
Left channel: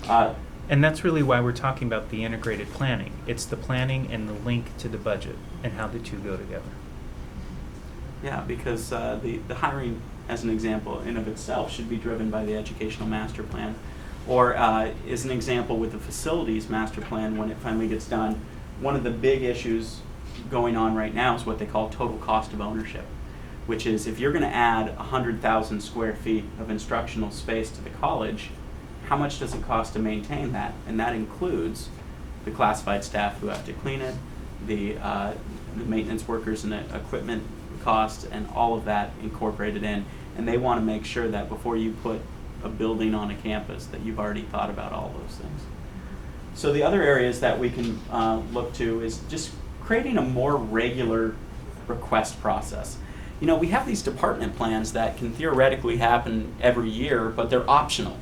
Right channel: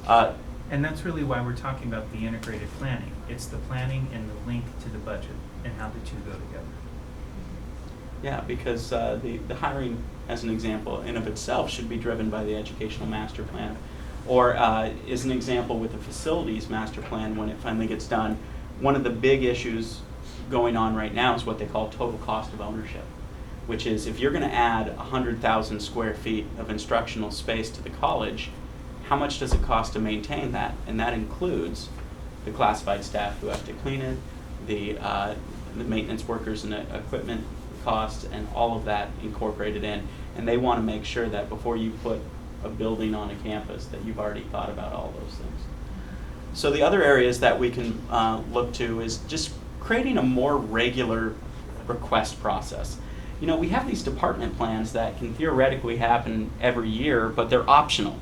And that's really why we're talking about the integrated planning. It's the planning and the link to the budget and how the two go together. Yeah, because the hiring, as an example, in of itself should be driven by the educational master plan. Or is an example with the facilities master plan when it finally gets done. One of the big issues going on right now is what they call total cost of ownership, which is if you're going to add 100,000 square feet of instructional space to the college, how much does it cost to maintain that? And that includes the classified staff who have to clean it, the maintenance workers and the equipment costs, and all of that incorporated in. And they want to make sure that before you put a building on a campus that you've already thought about all those things. So the other areas that we can look to is just creating a more regular request process. You know, we have these department plans that can theoretically happen every year, but they're optional.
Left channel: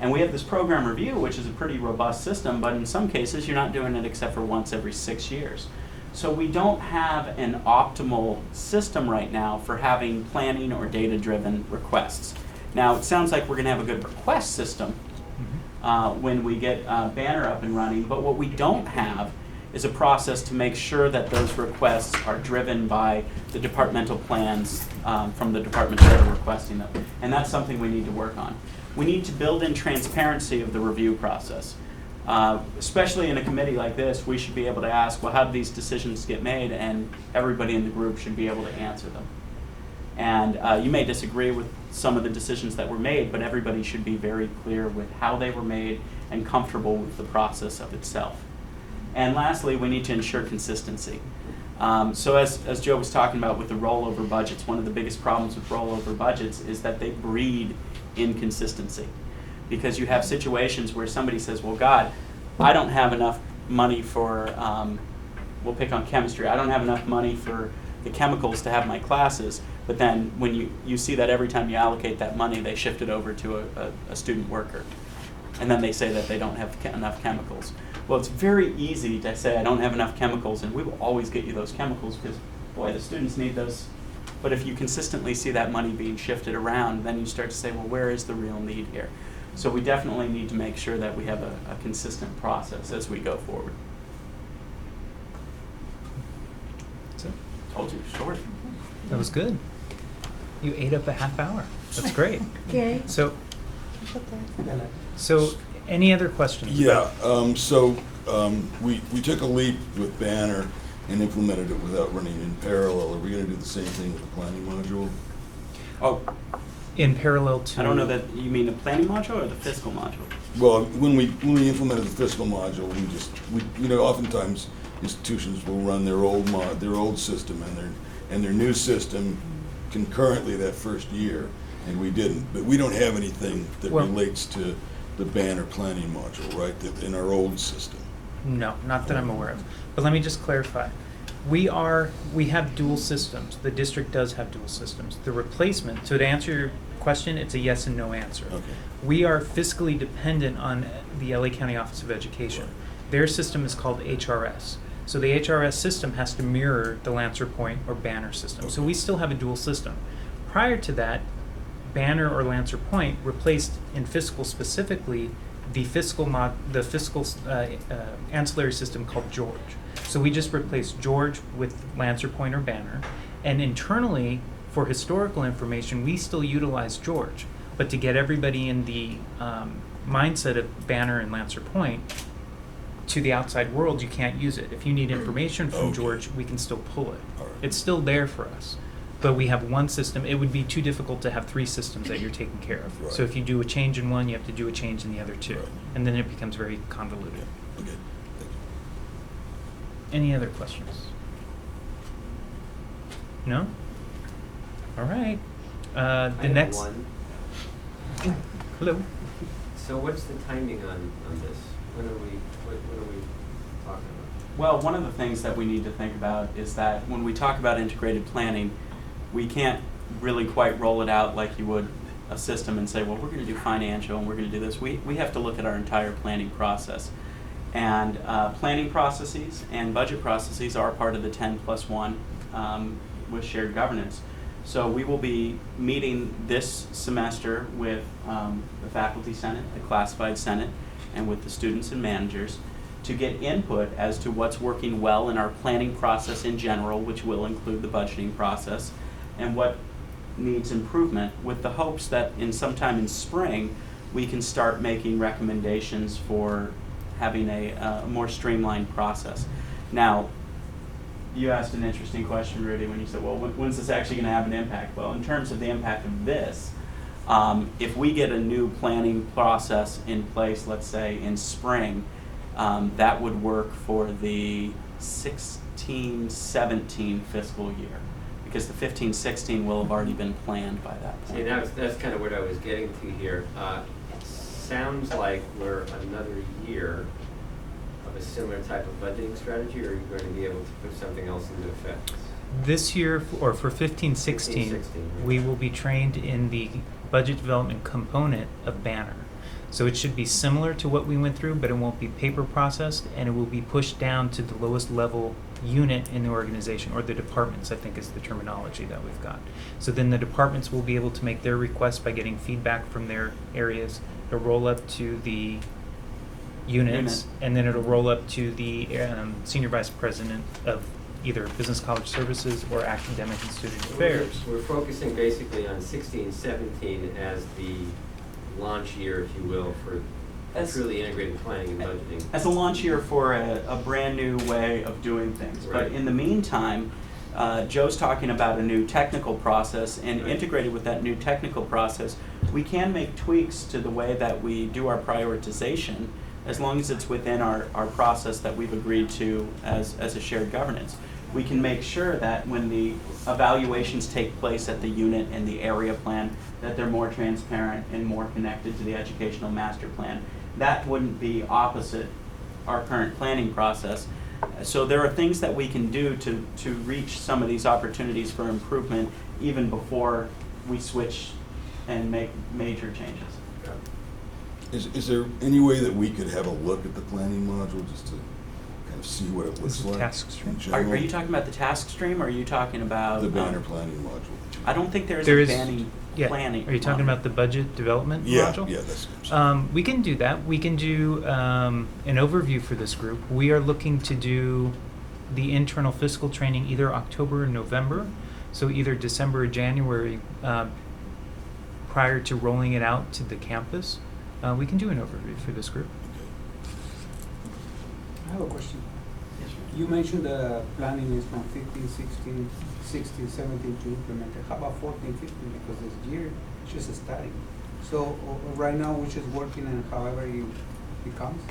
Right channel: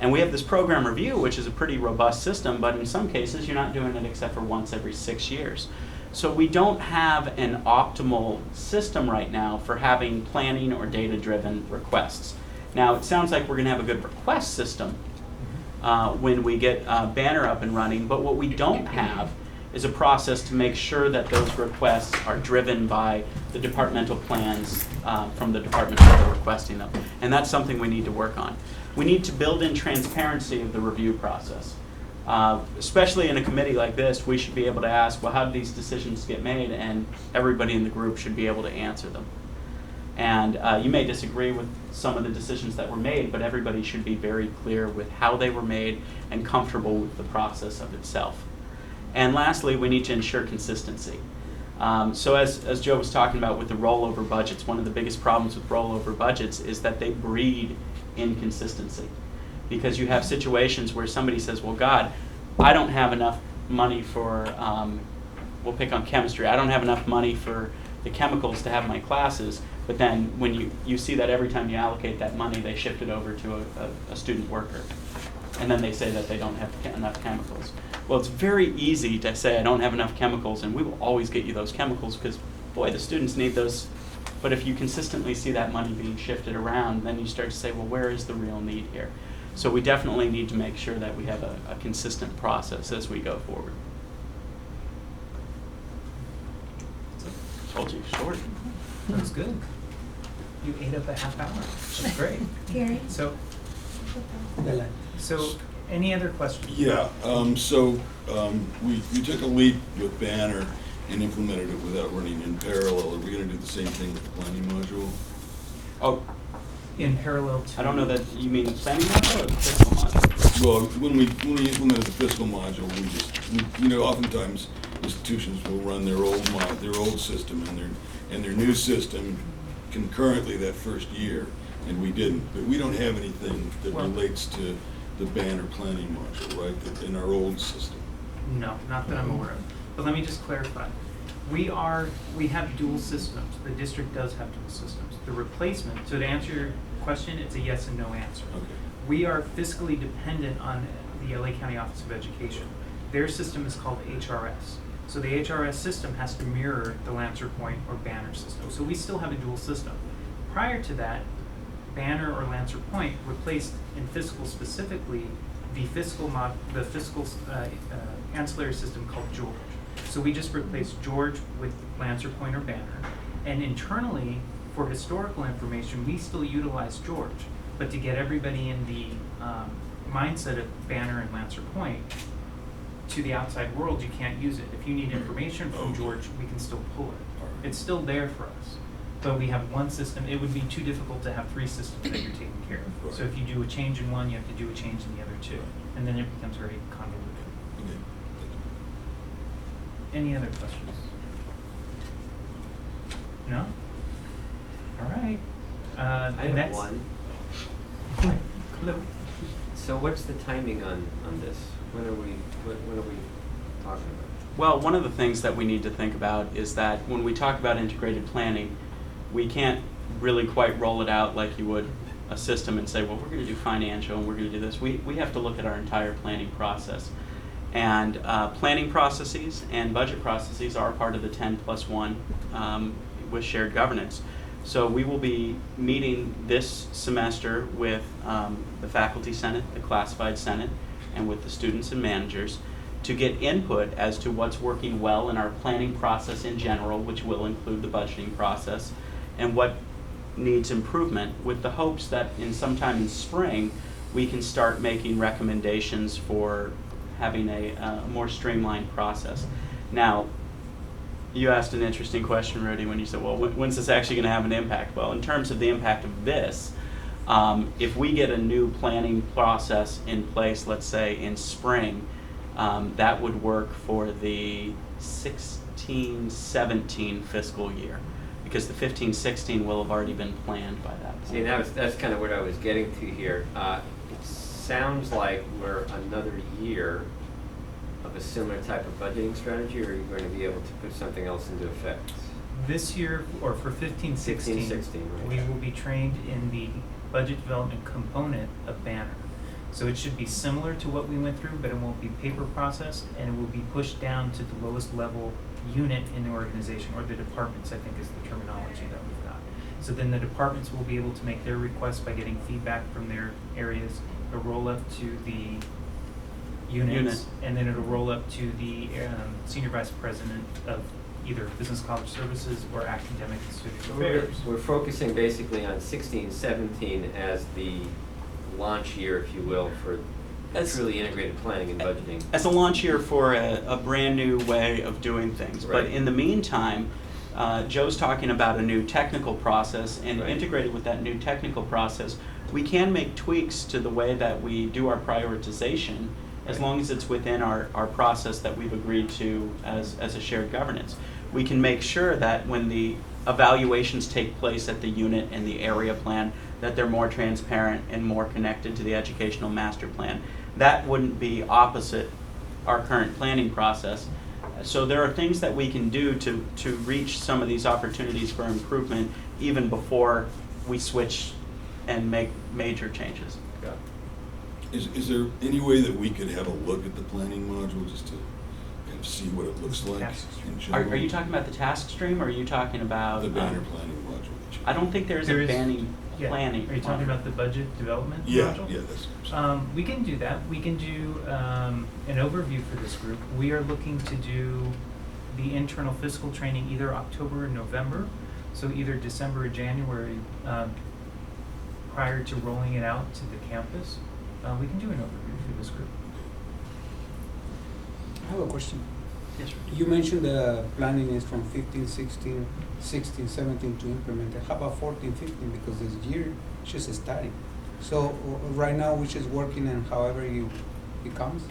And we have this program review, which is a pretty robust system, but in some cases you're not doing it except for once every 6 years. So we don't have an optimal system right now for having planning or data-driven requests. Now, it sounds like we're going to have a good request system when we get Banner up and running, but what we don't have is a process to make sure that those requests are driven by the departmental plans from the departments that are requesting them. And that's something we need to work on. We need to build in transparency of the review process. Especially in a committee like this, we should be able to ask, well, how did these decisions get made? And everybody in the group should be able to answer them. And you may disagree with some of the decisions that were made, but everybody should be very clear with how they were made and comfortable with the process of itself. And lastly, we need to ensure consistency. So as Joe was talking about with the rollover budgets, one of the biggest problems with rollover budgets is that they breed inconsistency. Because you have situations where somebody says, well, God, I don't have enough money for, we'll pick on chemistry, I don't have enough money for the chemicals to have my classes, but then when you see that every time you allocate that money, they shift it over to a student worker. And then they say that they don't have enough chemicals. Well, it's very easy to say I don't have enough chemicals, and we will always get you those chemicals because, boy, the students need those. But if you consistently see that money being shifted around, then you start to say, well, where is the real need here? So we definitely need to make sure that we have a consistent process as we go forward. So, told you, short. That was good. You ate up a half hour. That's great. Gary? So any other questions? Yeah, we took a leap with Banner and implemented it without running in parallel. Are we gonna do the same thing with the planning module? Oh, In parallel to? I don't know that you mean the planning module or the fiscal module? Well, when we implemented the fiscal module, oftentimes institutions will run their old system and their new system concurrently that first year, and we didn't. But we don't have anything that relates to the Banner planning module, right? That in our old system. No, not that I'm aware of. But let me just clarify. We have dual systems. The district does have dual systems. The replacement, so to answer your question, it's a yes and no answer. Okay. We are fiscally dependent on the LA County Office of Education. Their system is called HRS. So the HRS system has to mirror the Lancer Point or Banner system. So we still have a dual system. Prior to that, Banner or Lancer Point replaced in fiscal specifically the fiscal ancillary system called George. So we just replaced George with Lancer Point or Banner, and internally for historical information we still utilize George. But to get everybody in the mindset of Banner and Lancer Point to the outside world, you can't use it. If you need information from George, we can still pull it. All right. It's still there for us. But we have one system. It would be too difficult to have three systems that you're taking care of. Right. So if you do a change in one, you have to do a change in the other two. Right. And then it becomes very convoluted. Okay. Any other questions? No? All right. I have next. one. Hello. So what's the timing on this? When are we talking about? Well, one of the things that we need to think about is that when we talk about integrated planning, we can't really quite roll it out like you would a system and say, well, we're going to do financial and we're going to do this. We have to look at our entire planning process. And planning processes and budget processes are part of the 10+1 with shared governance. So we will be meeting this semester with the faculty senate, the classified senate, and with the students and managers to get input as to what's working well in our planning process in general, which will include the budgeting process, and what needs improvement, with the hopes that sometime in spring we can start making recommendations for having a more streamlined process. Now, you asked an interesting question, Rudy, when you said, well, when's this actually going to have an impact? Well, in terms of the impact of this, if we get a new planning process in place, let's say in spring, that would work for the 16-17 fiscal year, because the 15-16 will have already been planned by that point. See, that's kind of what I was getting to here. It sounds like we're another year of a similar type of budgeting strategy, or are you going to be able to put something else into effect? This year, or for 15-16, right. we will be trained in the budget development component of Banner. So it should be similar to what we went through, but it won't be paper processed, and it will be pushed down to the lowest level unit in the organization, or the departments, I think is the terminology that we've got. So then the departments will be able to make their requests by getting feedback from their areas. It'll roll up to the units, Unit. and then it'll roll up to the senior vice president of either business college services or academic and student affairs. We're focusing basically on 16, 17 as the launch year, if you will, for As- truly integrated planning and budgeting. As a launch year for a brand new way of doing things. But Right. in the meantime, Joe's talking about a new technical process, and Right. integrated with that new technical process, we can make tweaks to the way that we do our prioritization, as long as it's within our process that we've agreed to as a shared governance. We can make sure that when the evaluations take place at the unit and the area plan, that they're more transparent and more connected to the educational master plan. That wouldn't be opposite our current planning process. So there are things that we can do to reach some of these opportunities for improvement even before we switch and make major changes. Is there any way that we could have a look at the planning module just to kind of see what it looks This is like task stream. in general? Are you talking about the task stream, or are you talking about? The banner planning module that you? I don't think there's There a is- banning Yeah. planning. Are you talking module. about the budget development Yeah, module? yeah, that's what I'm saying. We can do that. We can do an overview for this group. We are looking to do the internal fiscal training either October or November, so either December or January, prior to rolling it out to the campus. We can do an overview for this group. I have a question. Yes, sir. You mentioned the planning is from 15, 16, 16, 17 to implement it. How about 14, 15? Because this year is just starting. So right now we're just working and however it comes.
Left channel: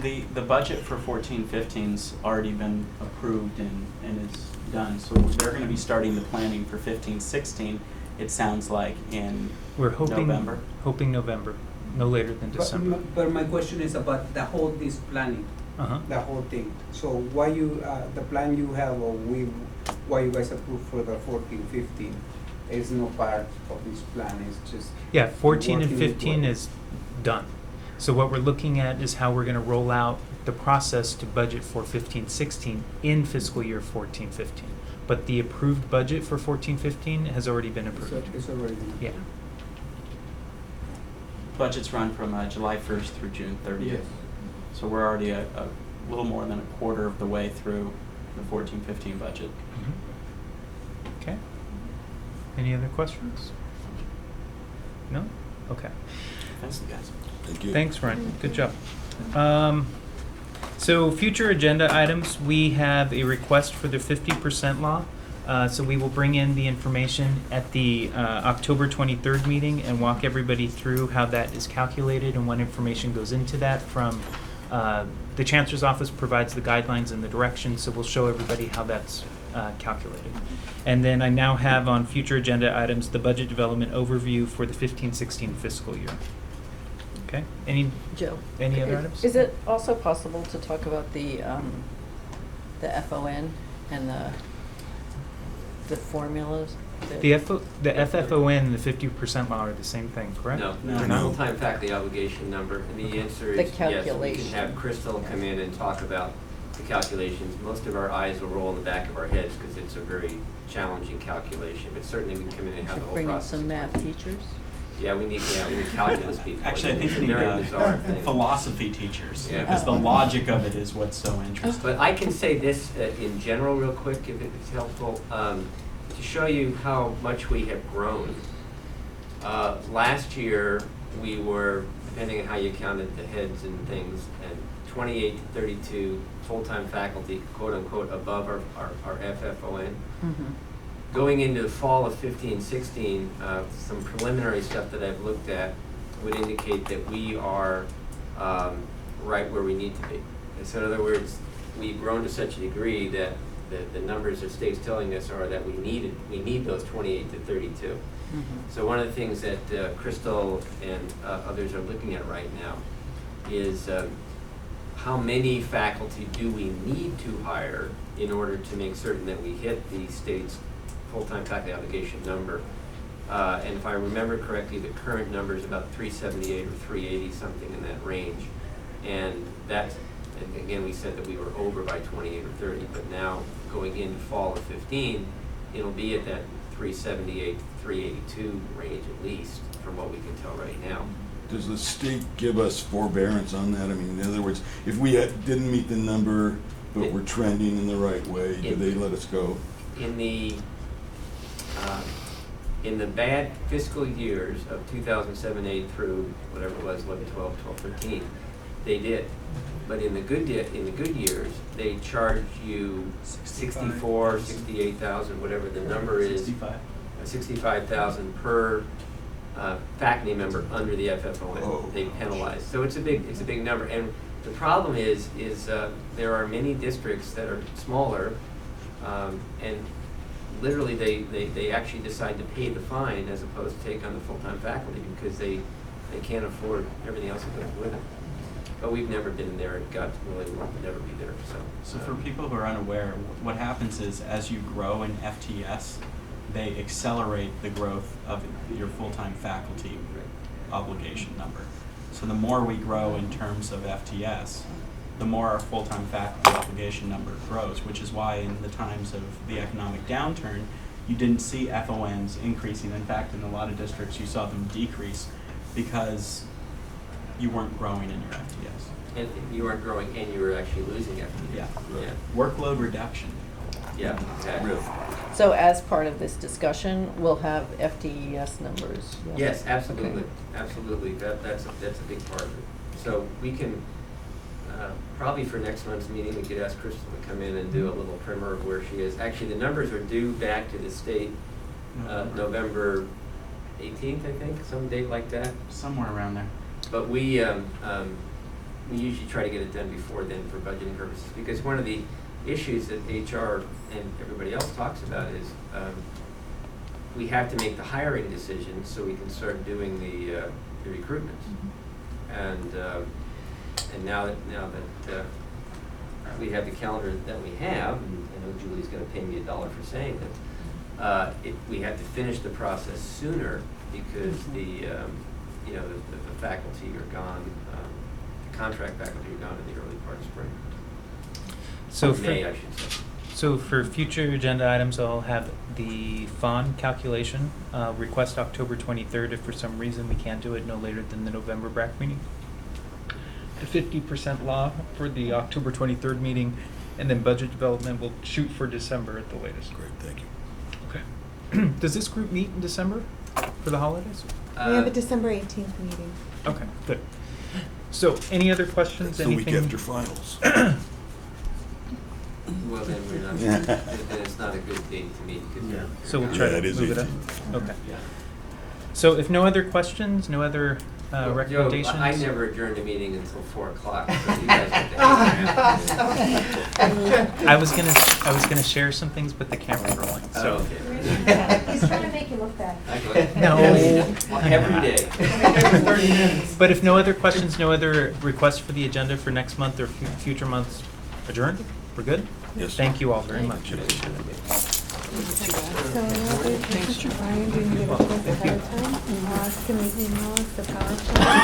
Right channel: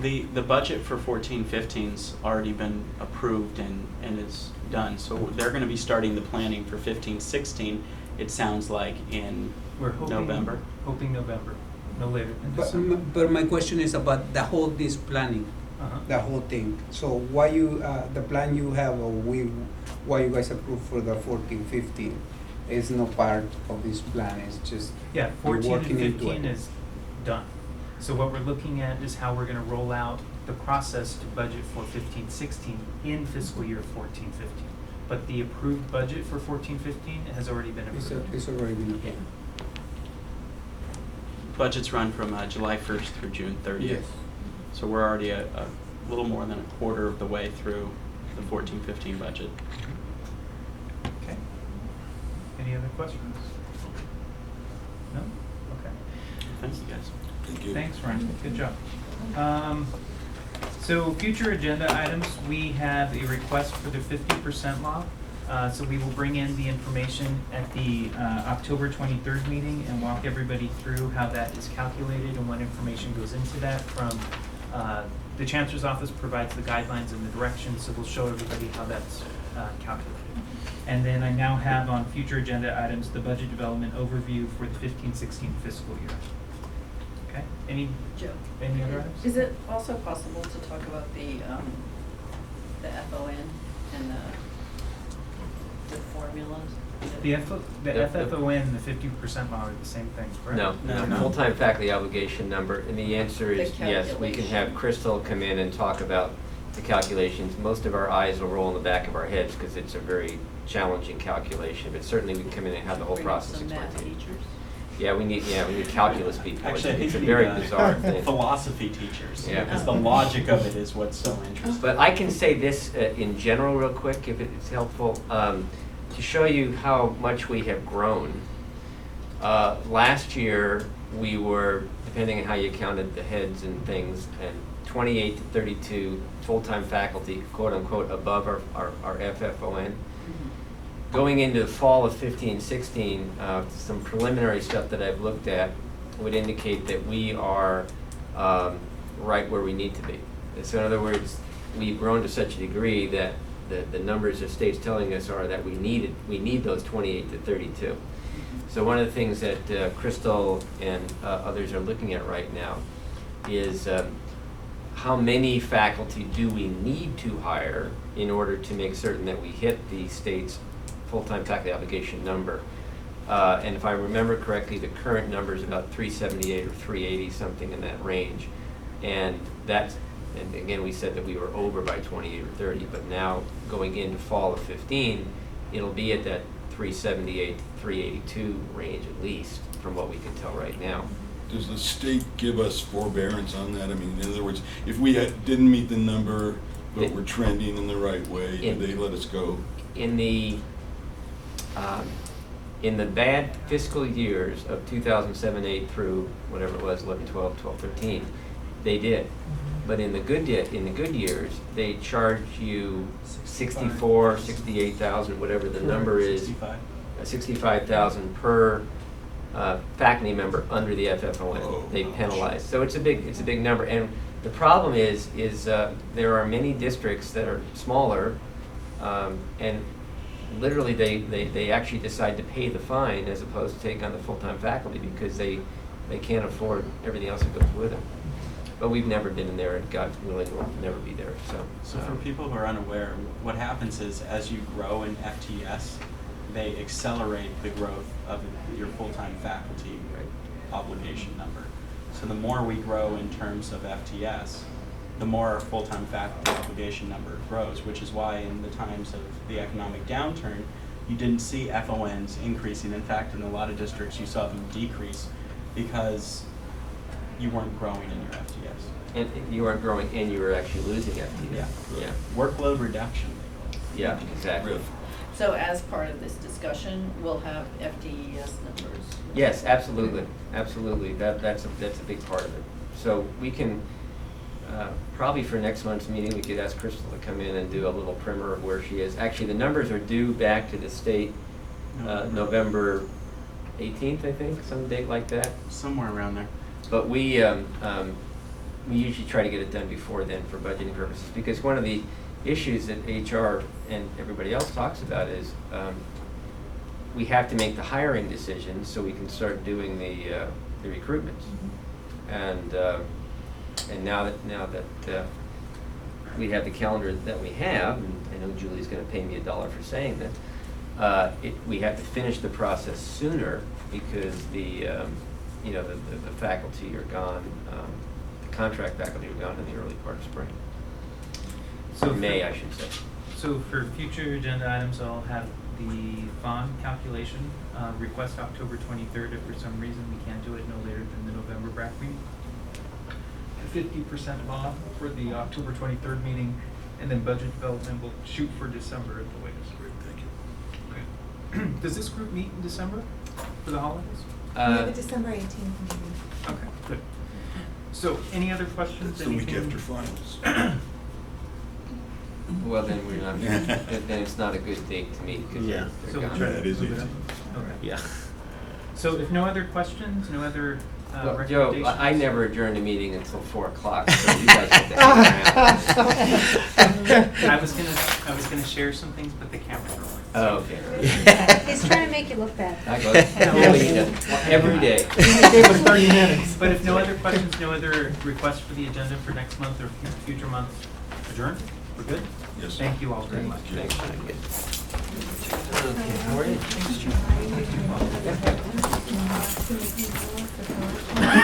The budget for 14-15's already been approved and is done, so they're gonna be starting the planning for 15-16, it sounds like, in We're hoping November. Hoping November, no later than December. But my question is about the whole this planning, Uh-huh. the whole thing. So why you the plan you have or why you guys approved for the 14, 15 is no part of this plan. It's just Yeah, 14 and working into 15 it. is done. So what we're looking at is how we're gonna roll out the process to budget for 15-16 in fiscal year 14-15. But the approved budget for 14-15 has already been approved. It's already been. Yeah. Budgets run from July 1st through June 30th. Yes. So we're already a little more than a quarter of the way through the 14-15 budget. Okay. Any other questions? No? Okay. Thanks, you guys. Thank you. Thanks, Ryan. Good job. So future agenda items, we have a request for the 50% law. So we will bring in the information at the October 23rd meeting and walk everybody through how that is calculated and what information goes into that from, the Chancellor's Office provides the guidelines and the directions, so we'll show everybody how that's calculated. And then I now have on future agenda items, the budget development overview for the 15-16 fiscal year. Okay, any other items? Is it also possible to talk about the FON and the formulas? The FFON and the 50% law are the same thing, correct? No, No. the No? full-time faculty obligation number, and the answer The is yes, we can calculation. have Crystal come in and talk about the calculations. Most of our eyes will roll in the back of our heads because it's a very challenging calculation, but certainly we can come in and have the whole Bring in process some math explained. teachers? Yeah, we need calculus people. Actually, I think It's a we very need bizarre thing. philosophy teachers, Yeah. because the Oh. logic of it is what's so interesting. But I can say this in general real quick, if it's helpful, to show you how much we have grown. Last year, we were, depending on how you counted the heads and things, at 28 to 32 full-time faculty, quote unquote, above our FFON. Going into the fall of 15-16, some preliminary stuff that I've looked at would indicate that we are right where we need to be. And so in other words, we've grown to such a degree that the numbers the state's telling us are that we need those 28 to 32. So one of the things that Crystal and others are looking at right now is how many faculty do we need to hire in order to make certain that we hit the state's full-time faculty obligation number. And if I remember correctly, the current number is about 378 or 380, something in that range. And that and again, we said that we were over by 28 or 30, but now going into fall of 15, it'll be at that 378, 382 range at least, from what we can tell right now. Does the state give us forbearance on that? I mean, in other words, if we didn't meet the number, but we're trending in the right way, do they let us go? In the bad fiscal years of 2007-8 through whatever it was, 11, 12, 12, 13, they did. But in the good years, they charge you 64, 68,000, whatever the number is. 65,000 per faculty member under the FFON. Oh, They gosh. penalize. So it's a big number. And the problem is there are many districts that are smaller, and literally they actually decide to pay the fine as opposed to take on the full-time faculty because they can't afford everything else that goes with it. But we've never been in there, and God willing, we'll never be there, so. So for people who are unaware, what happens is as you grow in FTS, they accelerate the growth of your full-time faculty obligation number. So the more we grow in terms of FTS, the more our full-time faculty obligation number grows, which is why in the times of the economic downturn, you didn't see FONs increasing. In fact, in a lot of districts, you saw them decrease because you weren't growing in your FTS. And you weren't growing, and you were actually losing FTE. Yeah. Yeah, Workload reduction, they call it. yeah, exactly. Really? So as part of this discussion, we'll have FTES numbers. Yes, absolutely, absolutely. That's a big part of it. So we can, probably for next month's meeting, we could ask Crystal to come in and do a little primer of where she is. Actually, the numbers are due back to the state November 18th, I think, some date like that. Somewhere around there. But we usually try to get it done before then for budgeting purposes, because one of the issues that HR and everybody else talks about is we have to make the hiring decisions so we can start doing the recruitment. And now that we have the calendar that we have, and I know Julie's going to pay me $1 for saying that, we have to finish the process sooner because the faculty are gone, the contract faculty are gone in the early part of spring. So May, I should say. So for future agenda items, I'll have the FON calculation, request October 23rd. If for some reason we can't do it no later than the November Brac meeting. The 50% law for the October 23rd meeting, and then budget development will shoot for December at the latest. Great, thank you. Okay. Does this group meet in December for the holidays? We have a December 18th meeting. Okay, good. So any other questions? That's the week Anything? after finals. Well, then we're not, then it's not a good date to meet. 'Cause Yeah. they're So we'll gone. try Yeah, to that is move it up. 18th. Okay. Yeah. So if no other questions, no other Well, Joe, recommendations? I never adjourned a meeting until 4 o'clock, so you guys have to. I was gonna share some things, but the camera's rolling. Oh, So okay. He's trying to make you look bad. I go No. every day. But if no other questions, no other requests for the agenda for next month or future months, adjourned? We're good? Yes. Thank you all very much. So, Brian, do you need to go ahead of time? To meet in the PowerPoint?